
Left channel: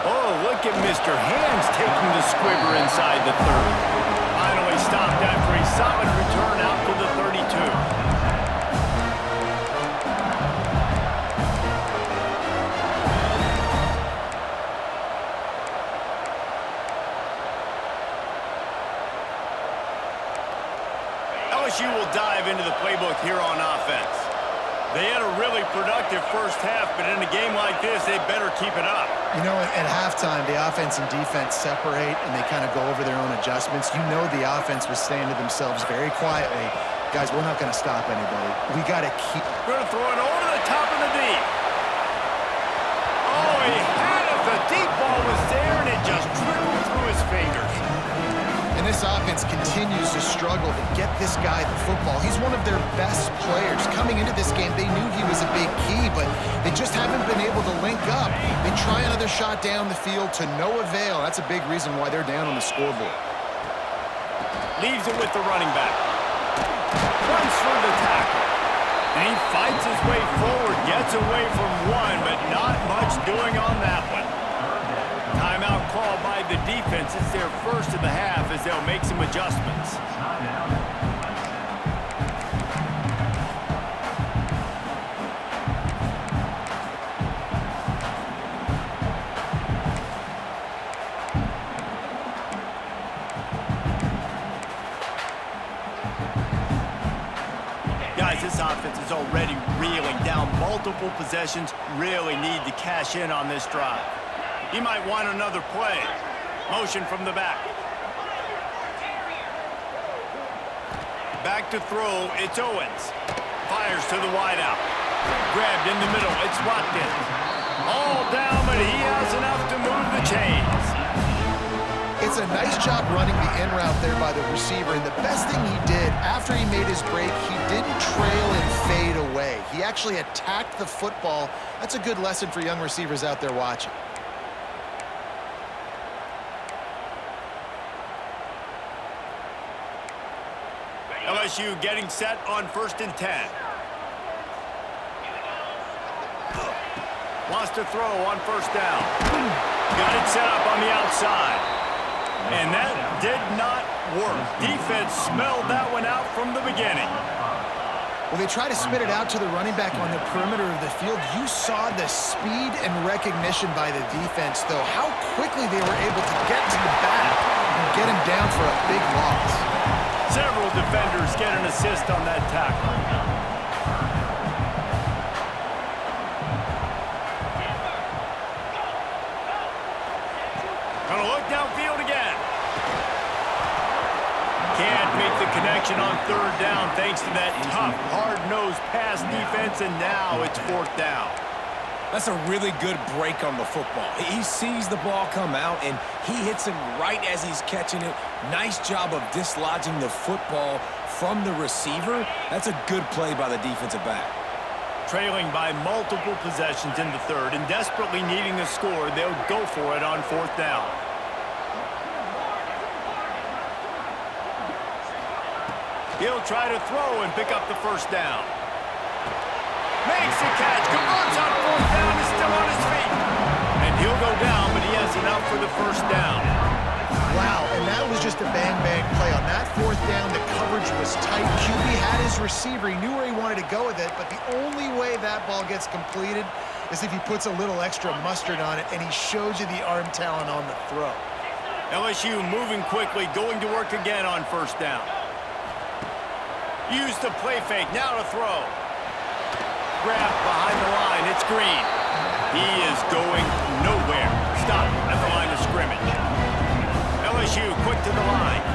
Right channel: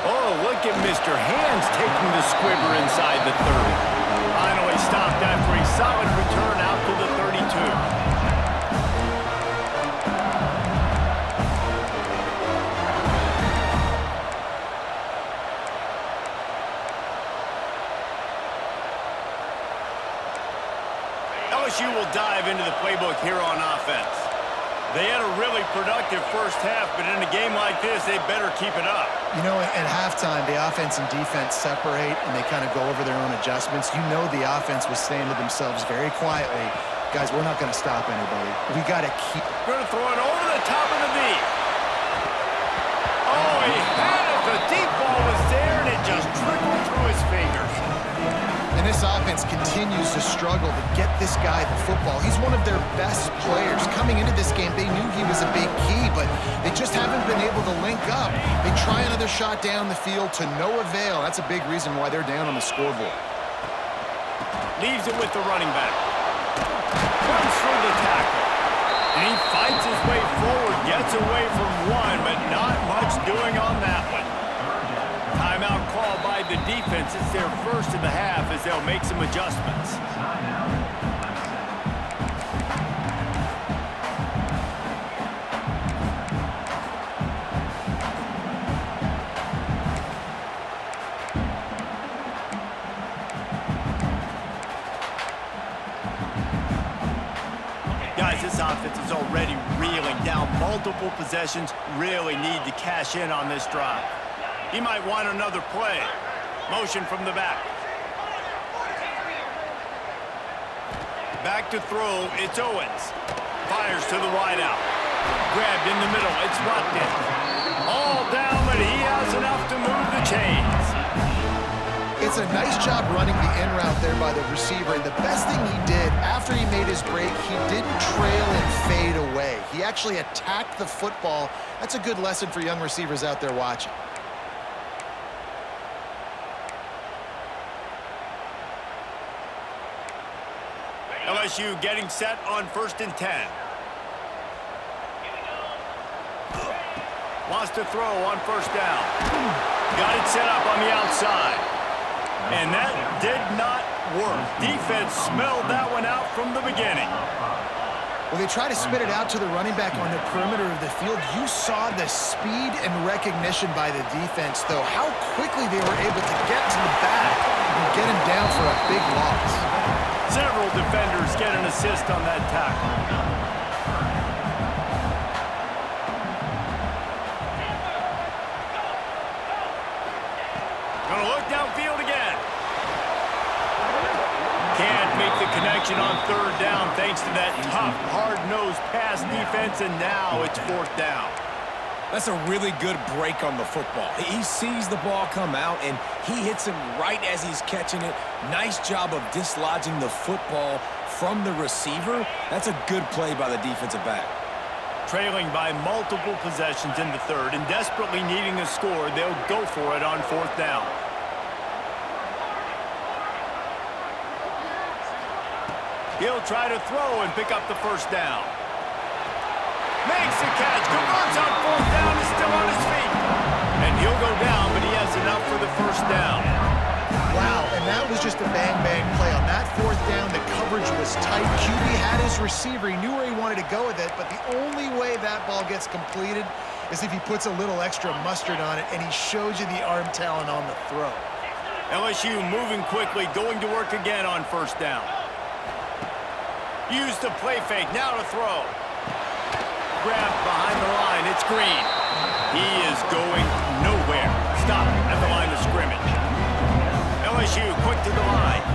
Oh, look at Mr. Hands taking the squibber inside the 30. Finally stopped after a solid return out to the 32. LSU will dive into the playbook here on offense. They had a really productive first half, but in a game like this, they better keep it up. You know, at halftime, the offense and defense separate, and they kind of go over their own adjustments. You know the offense was saying to themselves very quietly, guys, we're not going to stop anybody. We got to keep... Going to throw it over the top of the deep. Oh, he had it. The deep ball was there, and it just trickled through his fingers. And this offense continues to struggle to get this guy the football. He's one of their best players. Coming into this game, they knew he was a big key, but they just haven't been able to link up. They try another shot down the field to no avail. That's a big reason why they're down on the scoreboard. Leaves it with the running back. Runs through the tackle. And he fights his way forward, gets away from one, but not much doing on that one. Timeout called by the defense. It's their first of the half as they'll make some adjustments. Guys, this offense is already reeling down multiple possessions. Really need to cash in on this drive. He might want another play. Motion from the back. Back to throw, it's Owens. Fires to the wideout. Grabbed in the middle, it's Watkins. All down, but he has enough to move the chains. It's a nice job running the in route there by the receiver, and the best thing he did after he made his break, he didn't trail and fade away. He actually attacked the football. That's a good lesson for young receivers out there watching. LSU getting set on 1st and 10. Wants to throw on 1st down. Got it set up on the outside. And that did not work. Defense smelled that one out from the beginning. Well, they try to spit it out to the running back on the perimeter of the field. You saw the speed and recognition by the defense, though. How quickly they were able to get to the back and get him down for a big loss. Several defenders get an assist on that tackle. Gonna look downfield again. Can't make the connection on 3rd down thanks to that tough, hard-nosed pass defense, and now it's 4th down. That's a really good break on the football. He sees the ball come out, and he hits him right as he's catching it. Nice job of dislodging the football from the receiver. That's a good play by the defensive back. trailing by multiple possessions in the third and desperately needing a score, they'll go for it on fourth down. He'll try to throw and pick up the first down. Makes the catch, converts on fourth down, is still on his feet. And he'll go down, but he has enough for the first down. Wow, and that was just a bang-bang play. On that fourth down, the coverage was tight. QB had his receiver. He knew where he wanted to go with it, but the only way that ball gets completed is if he puts a little extra mustard on it, and he shows you the arm talent on the throw. LSU moving quickly, going to work again on first down. Use the play fake, now to throw. Grab behind the line, it's Green. He is going nowhere. Stop at the line of scrimmage. LSU quick to the line.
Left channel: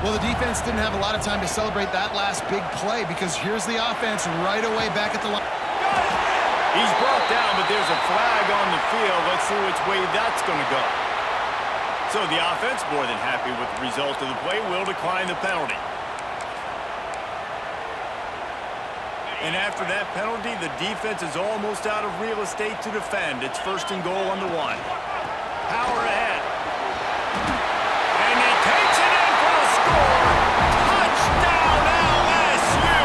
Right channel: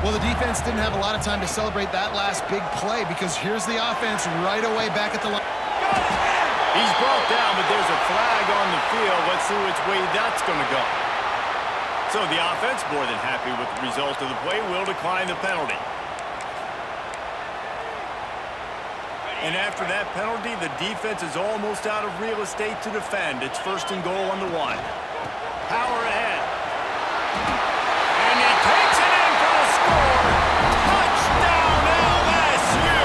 Well, the defense didn't have a lot of time to celebrate that last big play because here's the offense right away back at the line. He's brought down, but there's a flag on the field. Let's see which way that's going to go. So the offense, more than happy with the result of the play, will decline the penalty. And after that penalty, the defense is almost out of real estate to defend. It's first and goal on the 1. Power ahead. And he takes it in for the score. Touchdown, LSU!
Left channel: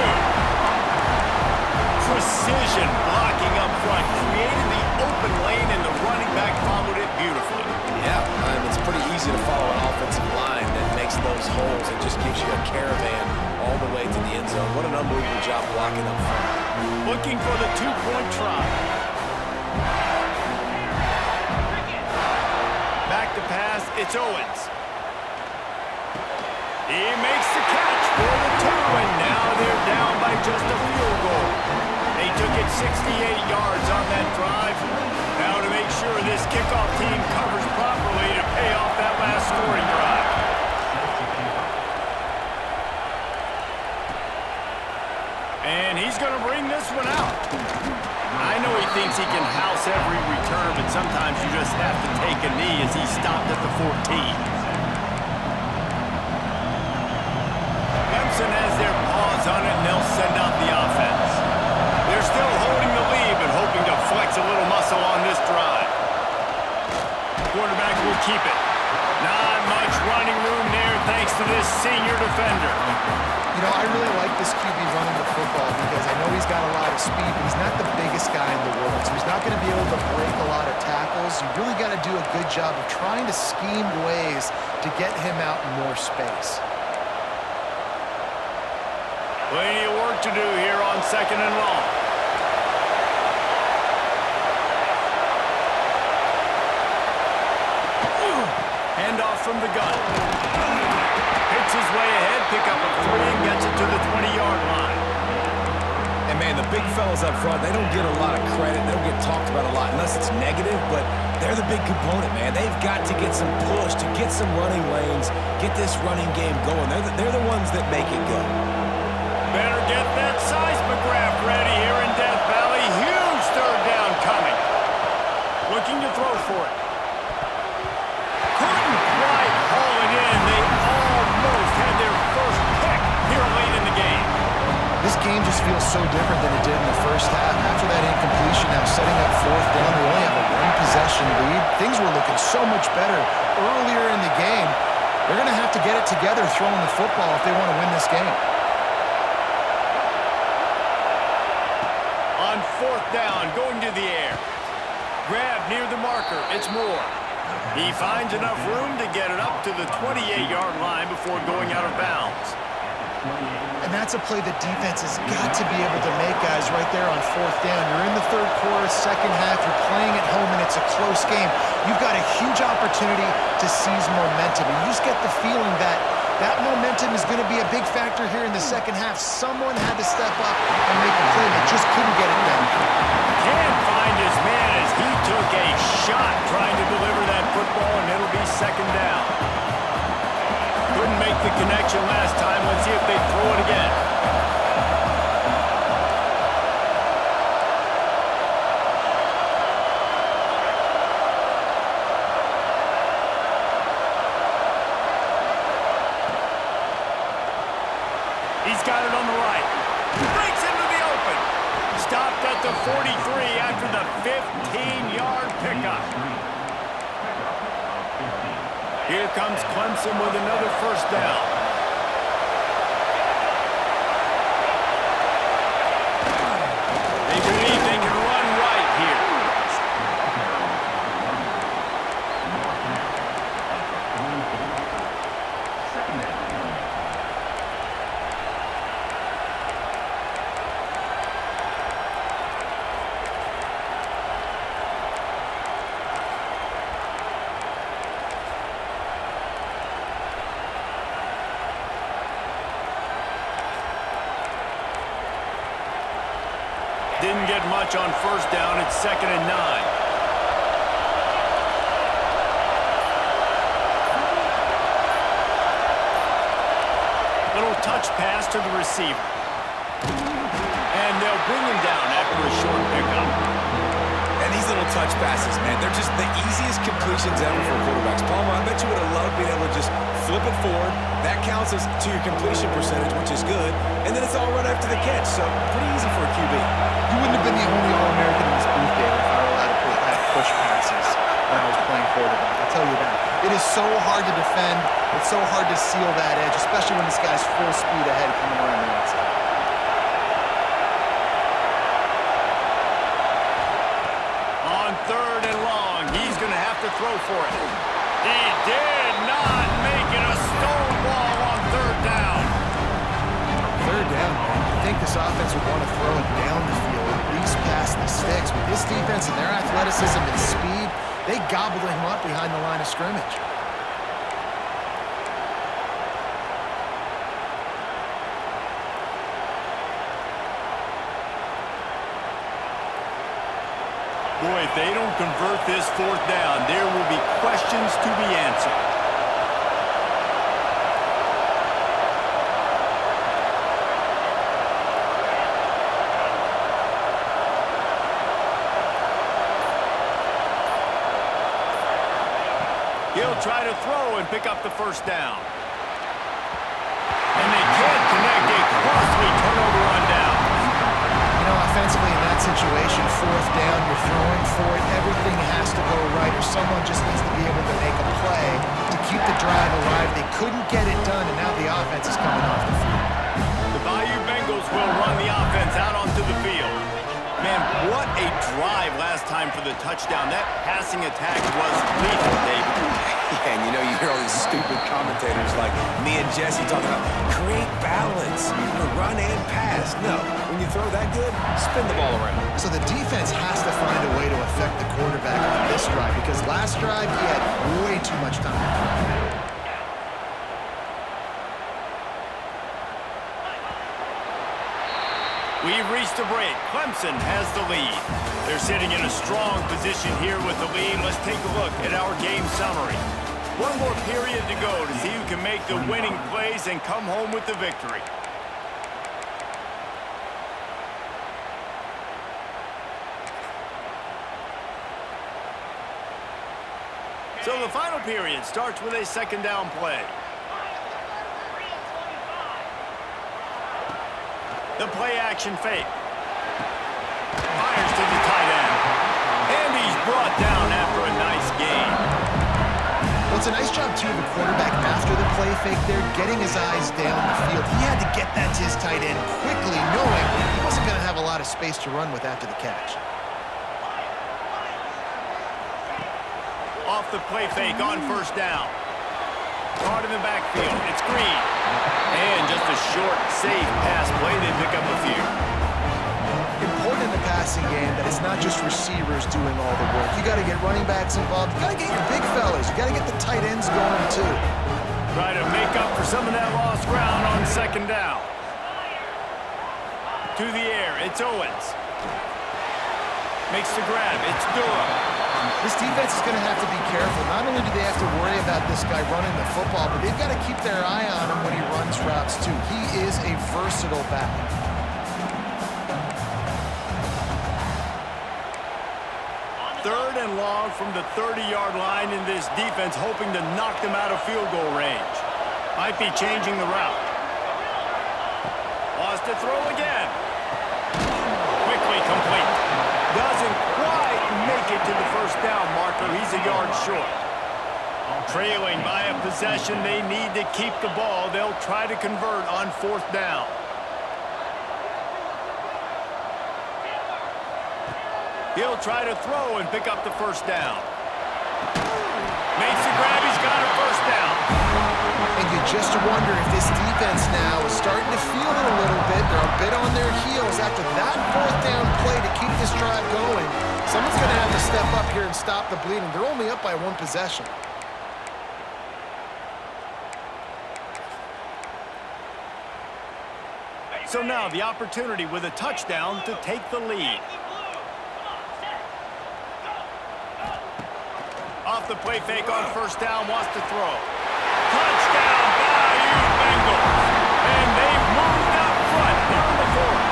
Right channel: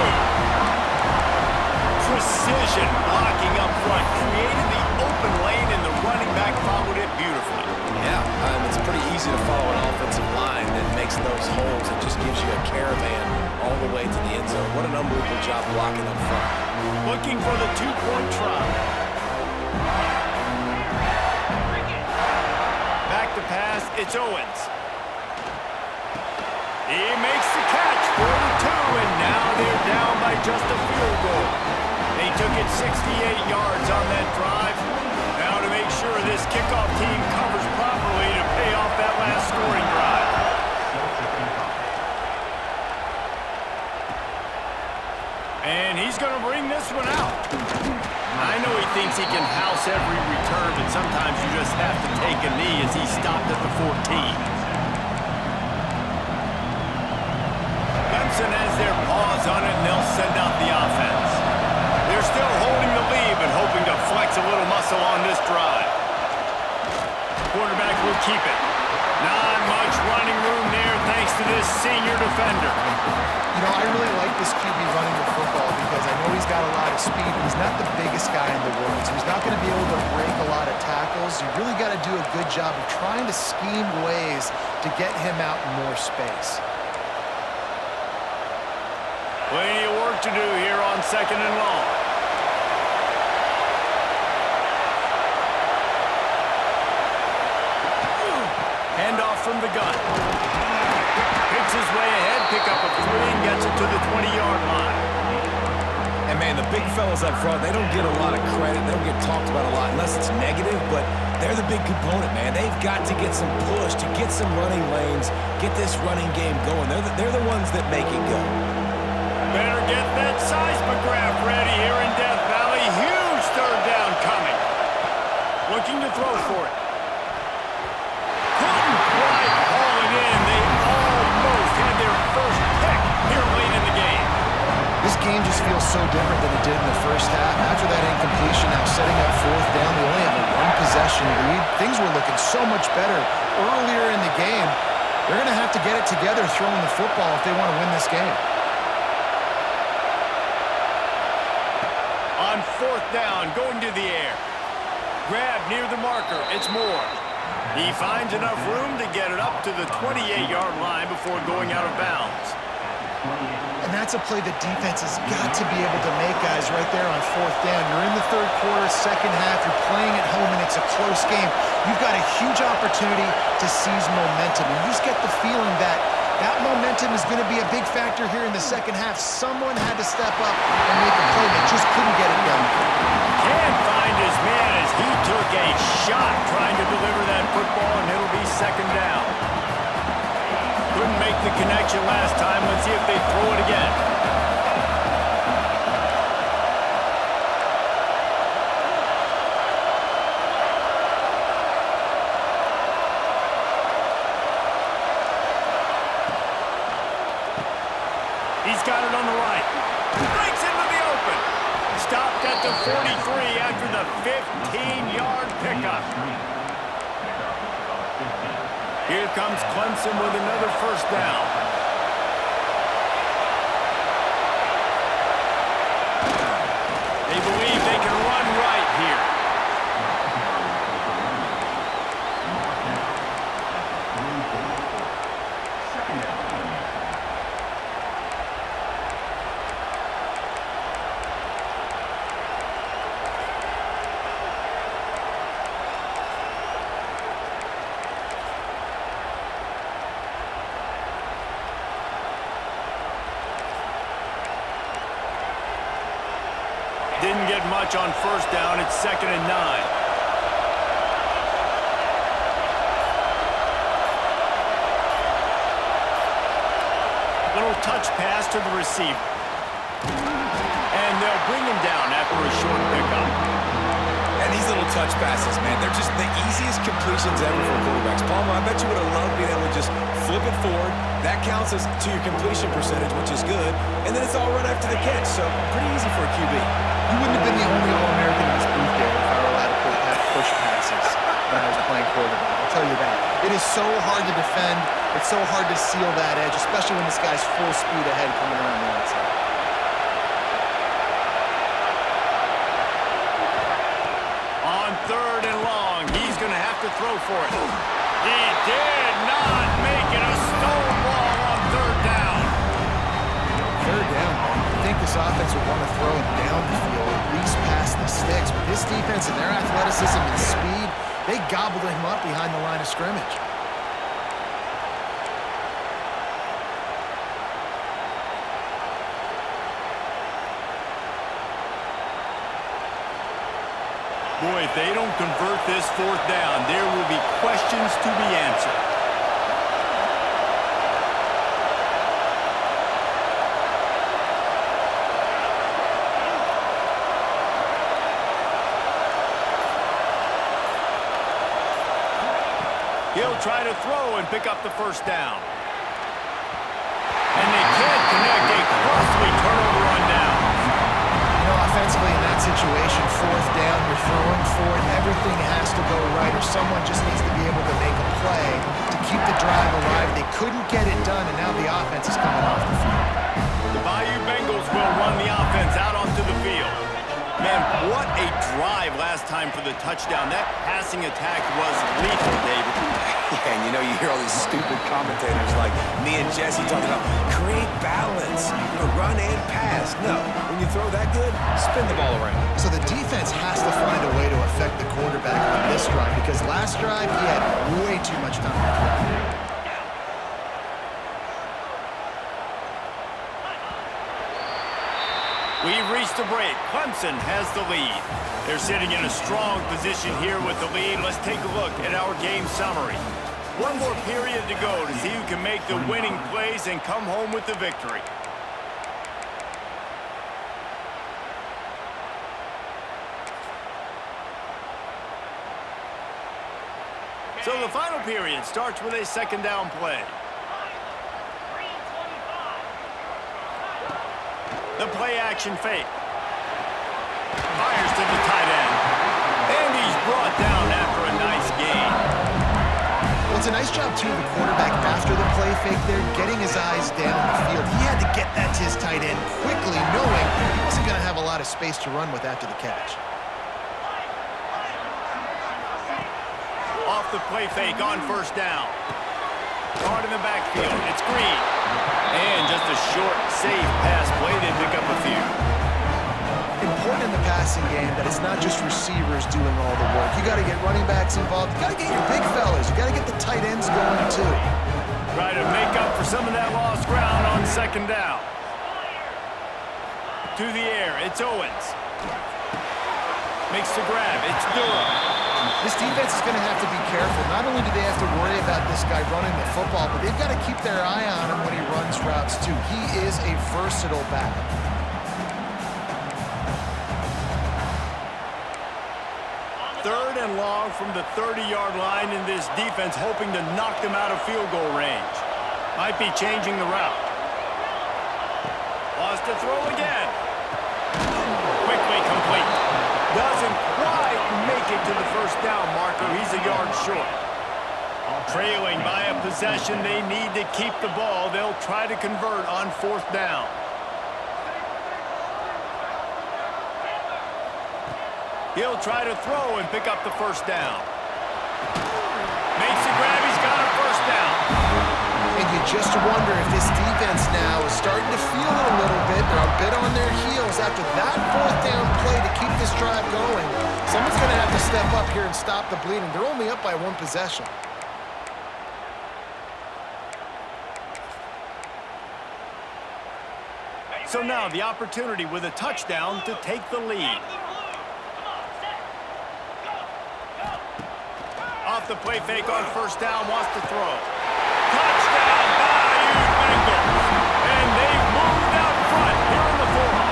Precision blocking up front. Created the open lane, and the running back followed it beautifully. Yeah, it's pretty easy to follow an offensive line that makes those holes and just gives you a caravan all the way to the end zone. What an unbelievable job blocking up front. Looking for the 2-point try. Back to pass, it's Owens. He makes the catch for the 2, and now they're down by just a field goal. They took it 68 yards on that drive. Now to make sure this kickoff team covers properly to pay off that last scoring drive. And he's going to bring this one out. I know he thinks he can house every return, but sometimes you just have to take a knee as he stopped at the 14. Clemson has their paws on it, and they'll send out the offense. They're still holding the lead, but hoping to flex a little muscle on this drive. Quarterback will keep it. Not much running room there thanks to this senior defender. You know, I really like this QB running the football because I know he's got a lot of speed, but he's not the biggest guy in the world, so he's not going to be able to break a lot of tackles. You really got to do a good job of trying to scheme ways to get him out in more space. Plenty of work to do here on second and long. Handoff from the gun. Picks his way ahead, pick up a 3, and gets it to the 20-yard line. And, man, the big fellas up front, they don't get a lot of credit. They don't get talked about a lot unless it's negative, but they're the big component, man. They've got to get some push, to get some running lanes, get this running game going. They're the ones that make it go. Better get that seismograph ready here in Death Valley. Huge third down coming. Looking to throw for it. Couldn't quite haul it in. They almost had their first pick here late in the game. This game just feels so different than it did in the first half. After that incompletion, now setting up fourth down, they only have a 1-possession lead. Things were looking so much better earlier in the game. They're going to have to get it together throwing the football if they want to win this game. On fourth down, going to the air. Grab near the marker. It's Moore. He finds enough room to get it up to the 28-yard line before going out of bounds. And that's a play the defense has got to be able to make, guys, right there on fourth down. You're in the third quarter, second half. You're playing at home, and it's a close game. You've got a huge opportunity to seize momentum. And you just get the feeling that that momentum is going to be a big factor here in the second half. Someone had to step up and make a play. They just couldn't get it done. Can't find his man as he took a shot trying to deliver that football, and it'll be second down. Couldn't make the connection last time. Let's see if they throw it again. He's got it on the right. Breaks into the open. Stopped at the 43 after the 15-yard pickup. Here comes Clemson with another first down. They believe they can run right here. Didn't get much on first down. It's 2nd and 9. Little touch pass to the receiver. And they'll bring him down after a short pickup. And these little touch passes, man, they're just the easiest completions ever for quarterbacks. Palmer, I bet you would have loved being able to just flip it forward. That counts as to your completion percentage, which is good. And then it's all right after the catch, so pretty easy for a QB. You wouldn't have been the only All-American in this booth, David, if I were allowed to have push passes when I was playing quarterback. I'll tell you that. It is so hard to defend. It's so hard to seal that edge, especially when this guy's full speed ahead coming around the outside. On 3rd and long, he's going to have to throw for it. He did not make it. A stonewall on 3rd down. 3rd down, man. I think this offense would want to throw it down the field, at least past the sticks. With this defense and their athleticism and speed, they gobbled him up behind the line of scrimmage. Boy, if they don't convert this 4th down, there will be questions to be answered. He'll try to throw and pick up the 1st down. And they can't connect a costly turnover on down. You know, offensively in that situation, 4th down, you're throwing for it, everything has to go right, or someone just needs to be able to make a play to keep the drive alive. They couldn't get it done, and now the offense is coming off the field. The Bayou Bengals will run the offense out onto the field. Man, what a drive last time for the touchdown. That passing attack was lethal, David. Yeah, and you know, you hear all these stupid commentators like me and Jesse talking about create balance, run and pass. No, when you throw that good, spin the ball around. So the defense has to find a way to affect the quarterback on this drive, because last drive he had way too much time to throw. We've reached a break. Clemson has the lead. They're sitting in a strong position here with the lead. Let's take a look at our game summary. One more period to go to see who can make the winning plays and come home with the victory. So the final period starts with a 2nd down play. The play-action fake. Fires to the tight end. And he's brought down after a nice gain. Well, it's a nice job, too, of the quarterback after the play fake there, getting his eyes down the field. He had to get that to his tight end quickly, knowing he wasn't going to have a lot of space to run with after the catch. Off the play fake on 1st down. Caught in the backfield. It's Green. And just a short, safe pass play. They pick up a few. Important in the passing game that it's not just receivers doing all the work. You got to get running backs involved. You got to get your big fellas. You got to get the tight ends going, too. Try to make up for some of that lost ground on 2nd down. To the air. It's Owens. Makes the grab. It's Durham. This defense is going to have to be careful. Not only do they have to worry about this guy running the football, but they've got to keep their eye on him when he runs routes, too. He is a versatile back. Third and long from the 30-yard line, in this defense hoping to knock them out of field goal range. Might be changing the route. Wants to throw again. Quick quickly complete. Doesn't quite make it to the first down marker. He's a yard short. Trailing by a possession, they need to keep the ball. They'll try to convert on fourth down. He'll try to throw and pick up the first down. Makes the grab. He's got a first down. And you just wonder if this defense now is starting to feel it a little bit. They're a bit on their heels after that fourth down play to keep this drive going. Someone's going to have to step up here and stop the bleeding. They're only up by one possession. So now the opportunity with a touchdown to take the lead. Off the play fake on first down, wants to throw. Touchdown, Bayou Bengals. And they've moved out front here in the fourth.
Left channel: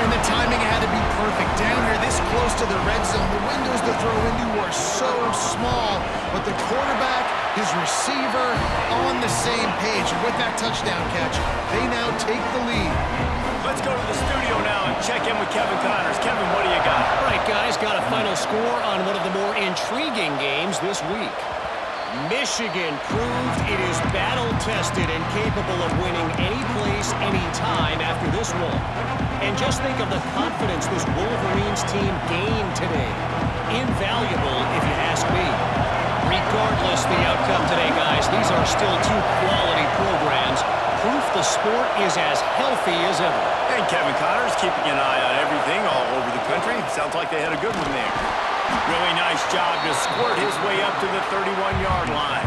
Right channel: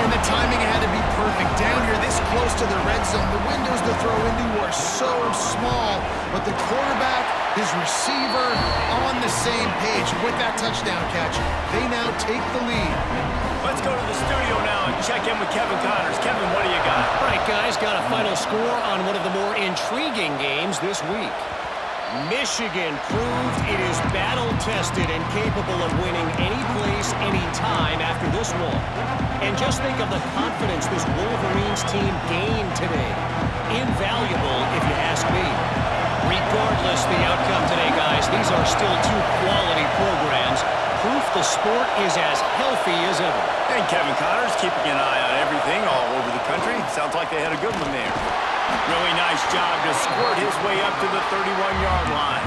And the timing had to be perfect. Down here this close to the red zone, the windows to throw into are so small, but the quarterback, his receiver, on the same page. And with that touchdown catch, they now take the lead. Let's go to the studio now and check in with Kevin Connors. Kevin, what do you got? All right, guys, got a final score on one of the more intriguing games this week. Michigan proved it is battle-tested and capable of winning any place, any time after this one. And just think of the confidence this Wolverines team gained today. Invaluable, if you ask me. Regardless the outcome today, guys, these are still two quality programs. Proof the sport is as healthy as ever. And Kevin Connors keeping an eye on everything all over the country. Sounds like they had a good one there. Really nice job to squirt his way up to the 31-yard line.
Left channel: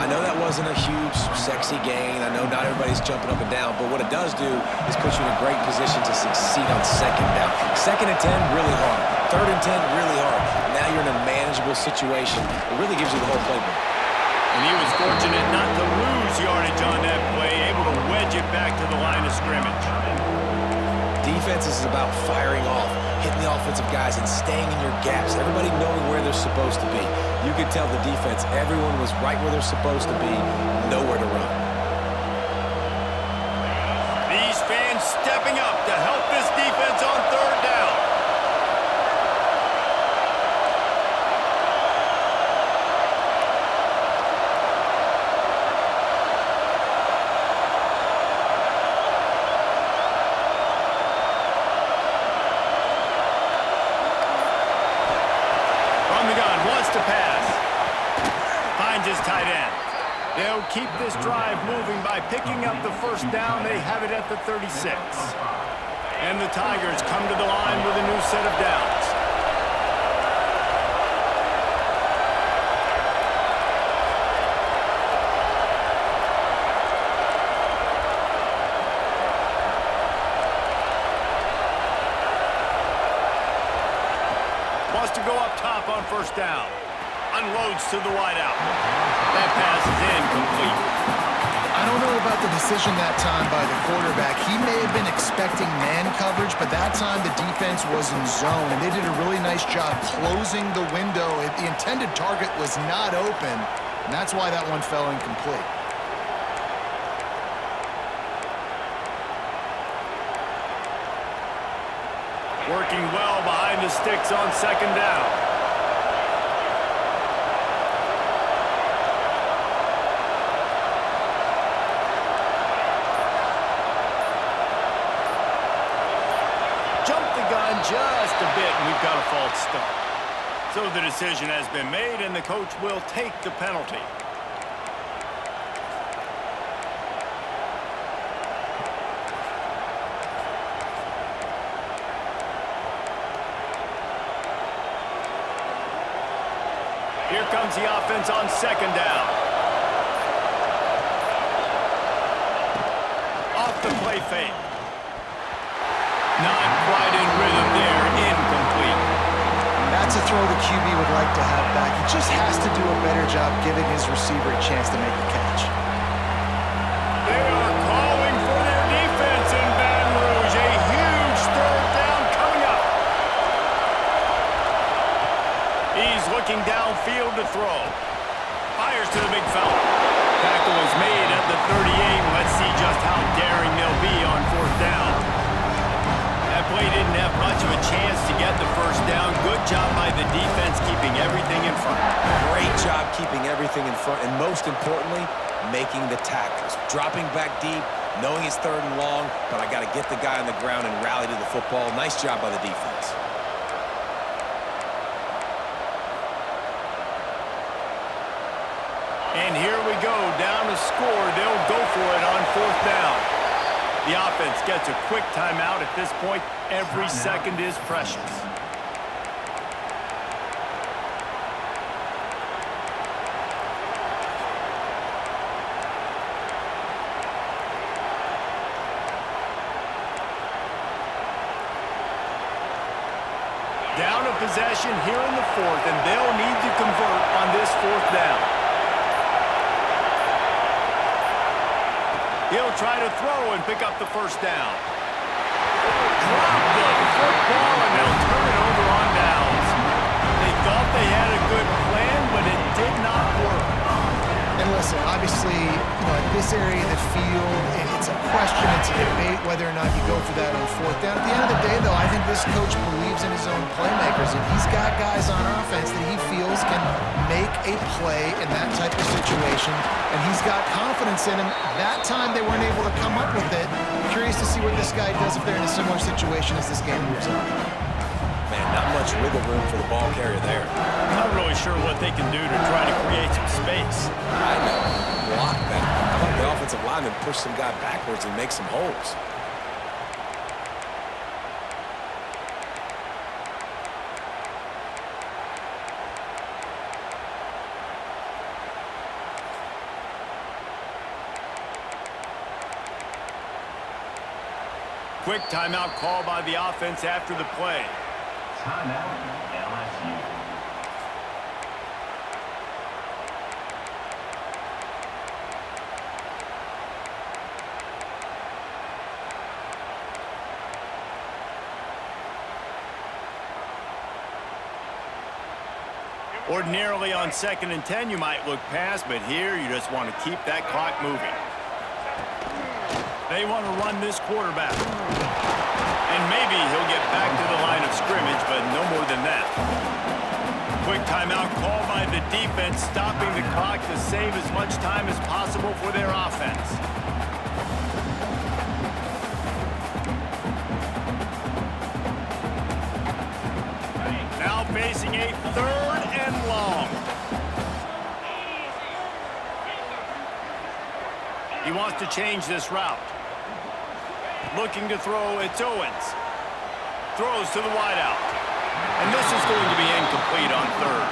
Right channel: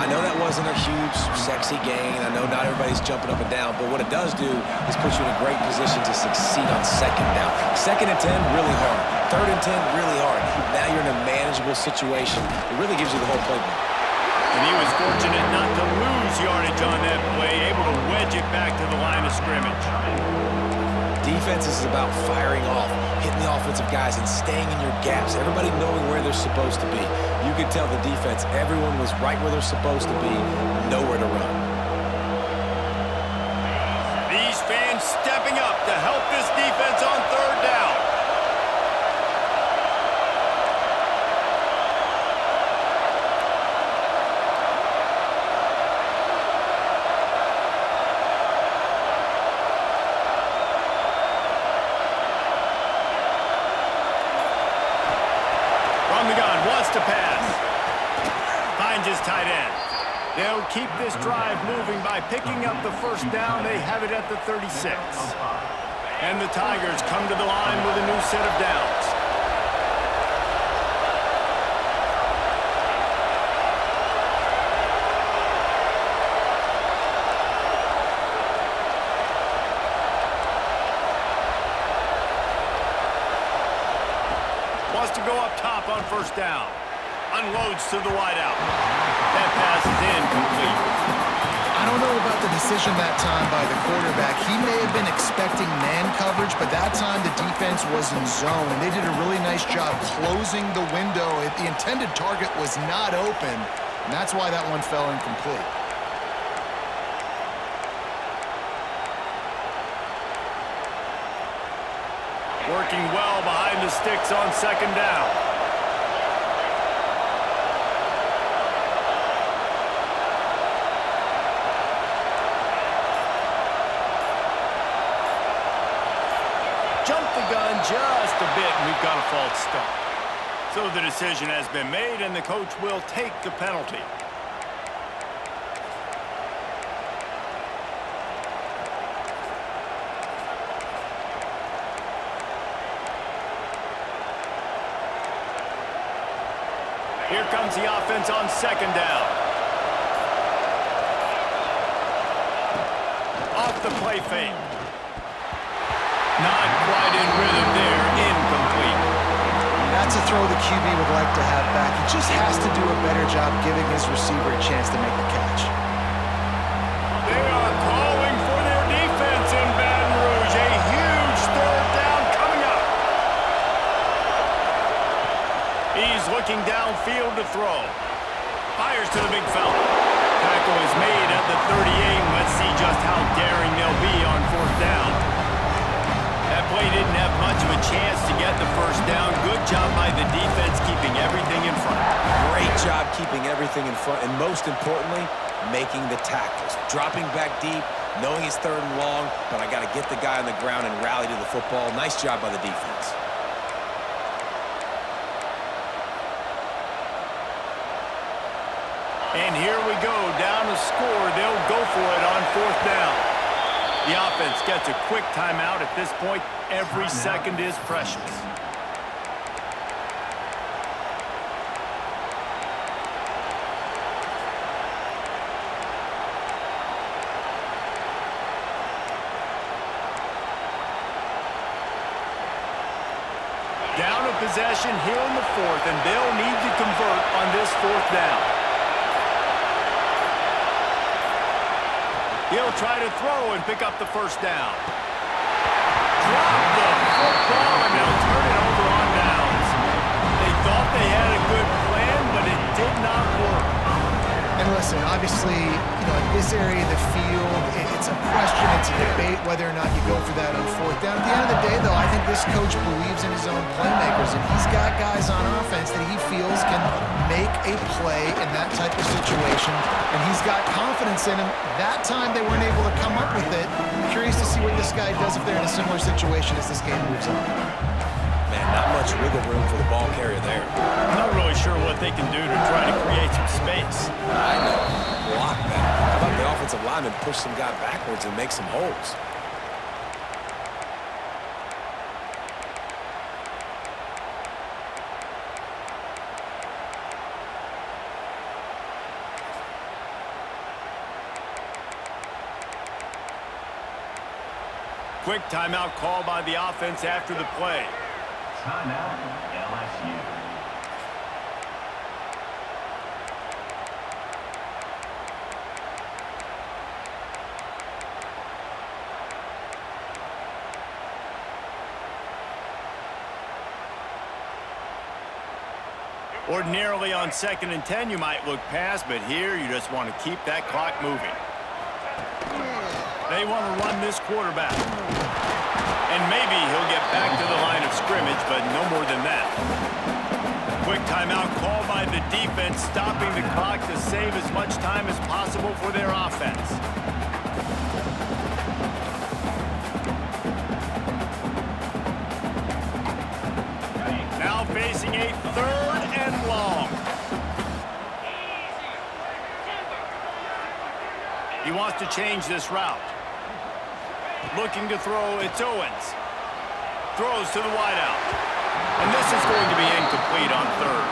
I know that wasn't a huge, sexy gain. I know not everybody's jumping up and down, but what it does do is put you in a great position to succeed on second down. Second and 10, really hard. Third and 10, really hard. Now you're in a manageable situation. It really gives you the whole playbook. And he was fortunate not to lose yardage on that play, able to wedge it back to the line of scrimmage. Defense is about firing off, hitting the offensive guys, and staying in your gaps. Everybody knowing where they're supposed to be. You could tell the defense, everyone was right where they're supposed to be, nowhere to run. These fans stepping up to help this defense on third down. From the gun, wants to pass. Finds his tight end. They'll keep this drive moving by picking up the first down. They have it at the 36. And the Tigers come to the line with a new set of downs. Wants to go up top on first down. Unloads to the wideout. That pass is incomplete. I don't know about the decision that time by the quarterback. He may have been expecting man coverage, but that time the defense was in zone, and they did a really nice job closing the window. The intended target was not open, and that's why that one fell incomplete. Working well behind the sticks on second down. Jumped the gun just a bit, and we've got a false start. So the decision has been made, and the coach will take the penalty. Here comes the offense on second down. Off the play fake. Not quite in rhythm there, incomplete. That's a throw the QB would like to have back. He just has to do a better job giving his receiver a chance to make the catch. They are calling for their defense in Baton Rouge. A huge third down coming up. He's looking downfield to throw. Fires to the big fella. Tackle is made at the 38. Let's see just how daring they'll be on fourth down. play didn't have much of a chance to get the first down. Good job by the defense keeping everything in front. Great job keeping everything in front, and most importantly, making the tackles. Dropping back deep, knowing it's 3rd and long, but I got to get the guy on the ground and rally to the football. Nice job by the defense. And here we go, down to score. They'll go for it on 4th down. The offense gets a quick timeout at this point. Every second is precious. Down a possession here in the 4th, and they'll need to convert on this 4th down. He'll try to throw and pick up the first down. Drop the football, and they'll turn it over on downs. They thought they had a good plan, but it did not work. And listen, obviously, at this area of the field, it's a question, it's a debate whether or not you go for that on 4th down. At the end of the day, though, I think this coach believes in his own playmakers, and he's got guys on offense that he feels can make a play in that type of situation, and he's got confidence in him. That time, they weren't able to come up with it. Curious to see what this guy does if they're in a similar situation as this game moves on. Man, not much wiggle room for the ball carrier there. I'm not really sure what they can do to try to create some space. I know. Block that. How about the offensive lineman push some guy backwards and make some holes? Quick timeout call by the offense after the play. Timeout, LSU. Ordinarily on 2nd and 10, you might look past, but here you just want to keep that clock moving. They want to run this quarterback. And maybe he'll get back to the line of scrimmage, but no more than that. Quick timeout call by the defense, stopping the clock to save as much time as possible for their offense. Now facing a 3rd and long. He wants to change this route. Looking to throw, it's Owens. Throws to the wideout. And this is going to be incomplete on 3rd.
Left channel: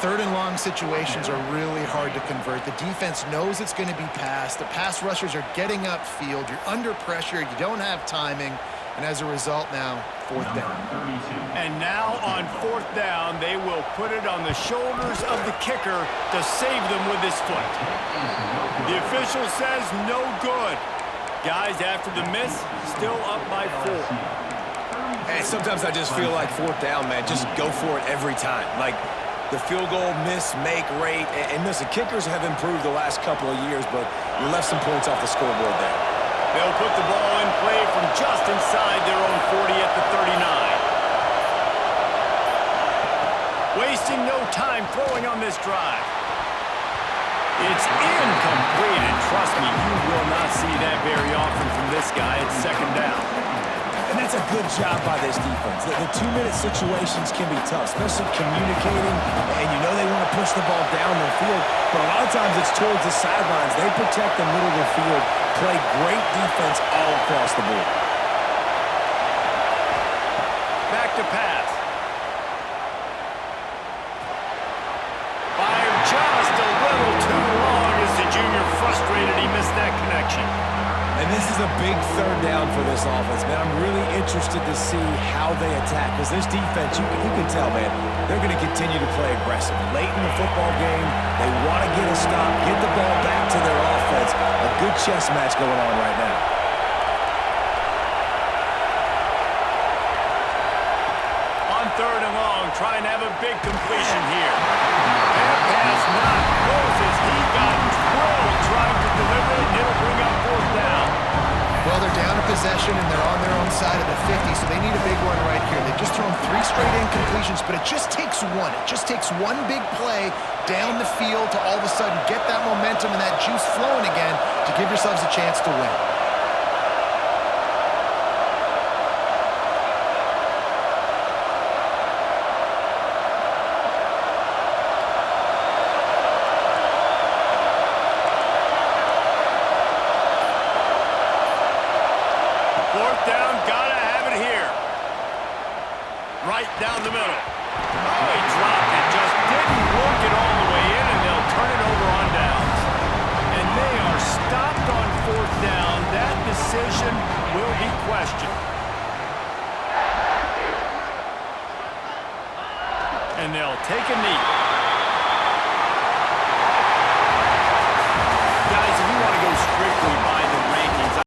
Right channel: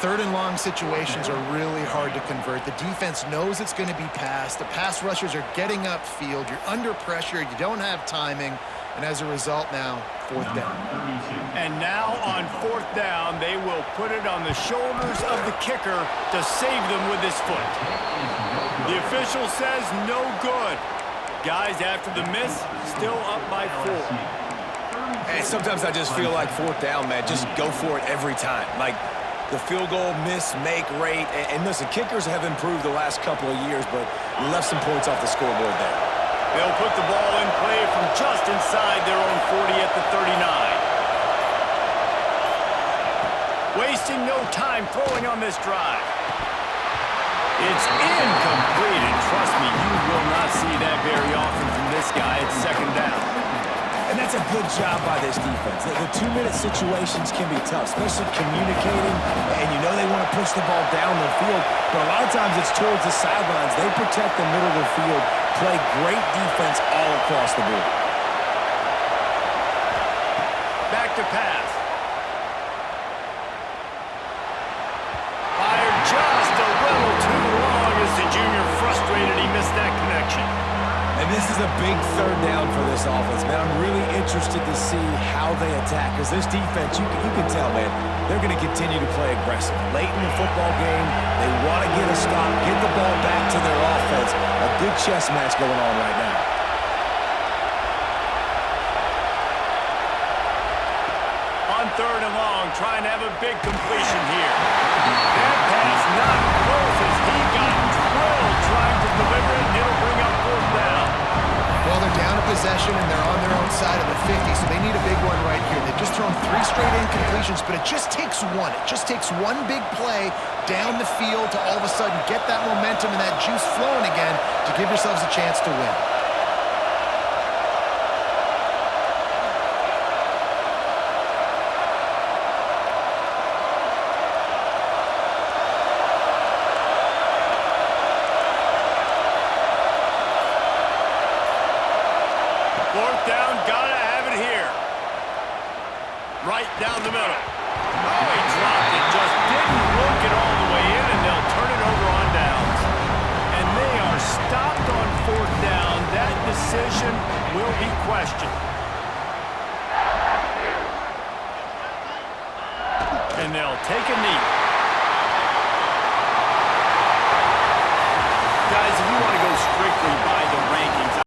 3rd and long situations are really hard to convert. The defense knows it's going to be passed. The pass rushers are getting upfield. You're under pressure. You don't have timing. And as a result now, 4th down. And now on 4th down, they will put it on the shoulders of the kicker to save them with his foot. The official says no good. Guys, after the miss, still up by 4. And sometimes I just feel like 4th down, man, just go for it every time. Like the field goal miss, make rate. And listen, kickers have improved the last couple of years, but you left some points off the scoreboard there. They'll put the ball in play from just inside their own 40 at the 39. Wasting no time throwing on this drive. It's incomplete, and trust me, you will not see that very often from this guy. It's 2nd down. And that's a good job by this defense. The 2-minute situations can be tough, especially communicating, and you know they want to push the ball down the field, but a lot of times it's towards the sidelines. They protect the middle of the field, play great defense all across the board. Back to pass. Fired just a little too long as the junior frustrated he missed that connection. And this is a big 3rd down for this offense, man. I'm really interested to see how they attack, because this defense, you can tell, man, they're going to continue to play aggressive. Late in the football game, they want to get a stop, get the ball back to their offense. A good chess match going on right now. On 3rd and long, trying to have a big completion here. That pass not close as he got drilled trying to deliver it, and it'll bring up 4th down. Well, they're down a possession, and they're on their own side of the 50, so they need a big one right here. They've just thrown 3 straight incompletions, but it just takes one. It just takes one big play down the field to all of a sudden get that momentum and that juice flowing again to give yourselves a chance to win. Fourth down, gotta have it here. Right down the middle. Oh, he dropped it. Just didn't look it all the way in, and they'll turn it over on downs. And they are stopped on fourth down. That decision will be questioned. And they'll take a knee. Guys, if you want to go strictly by the rank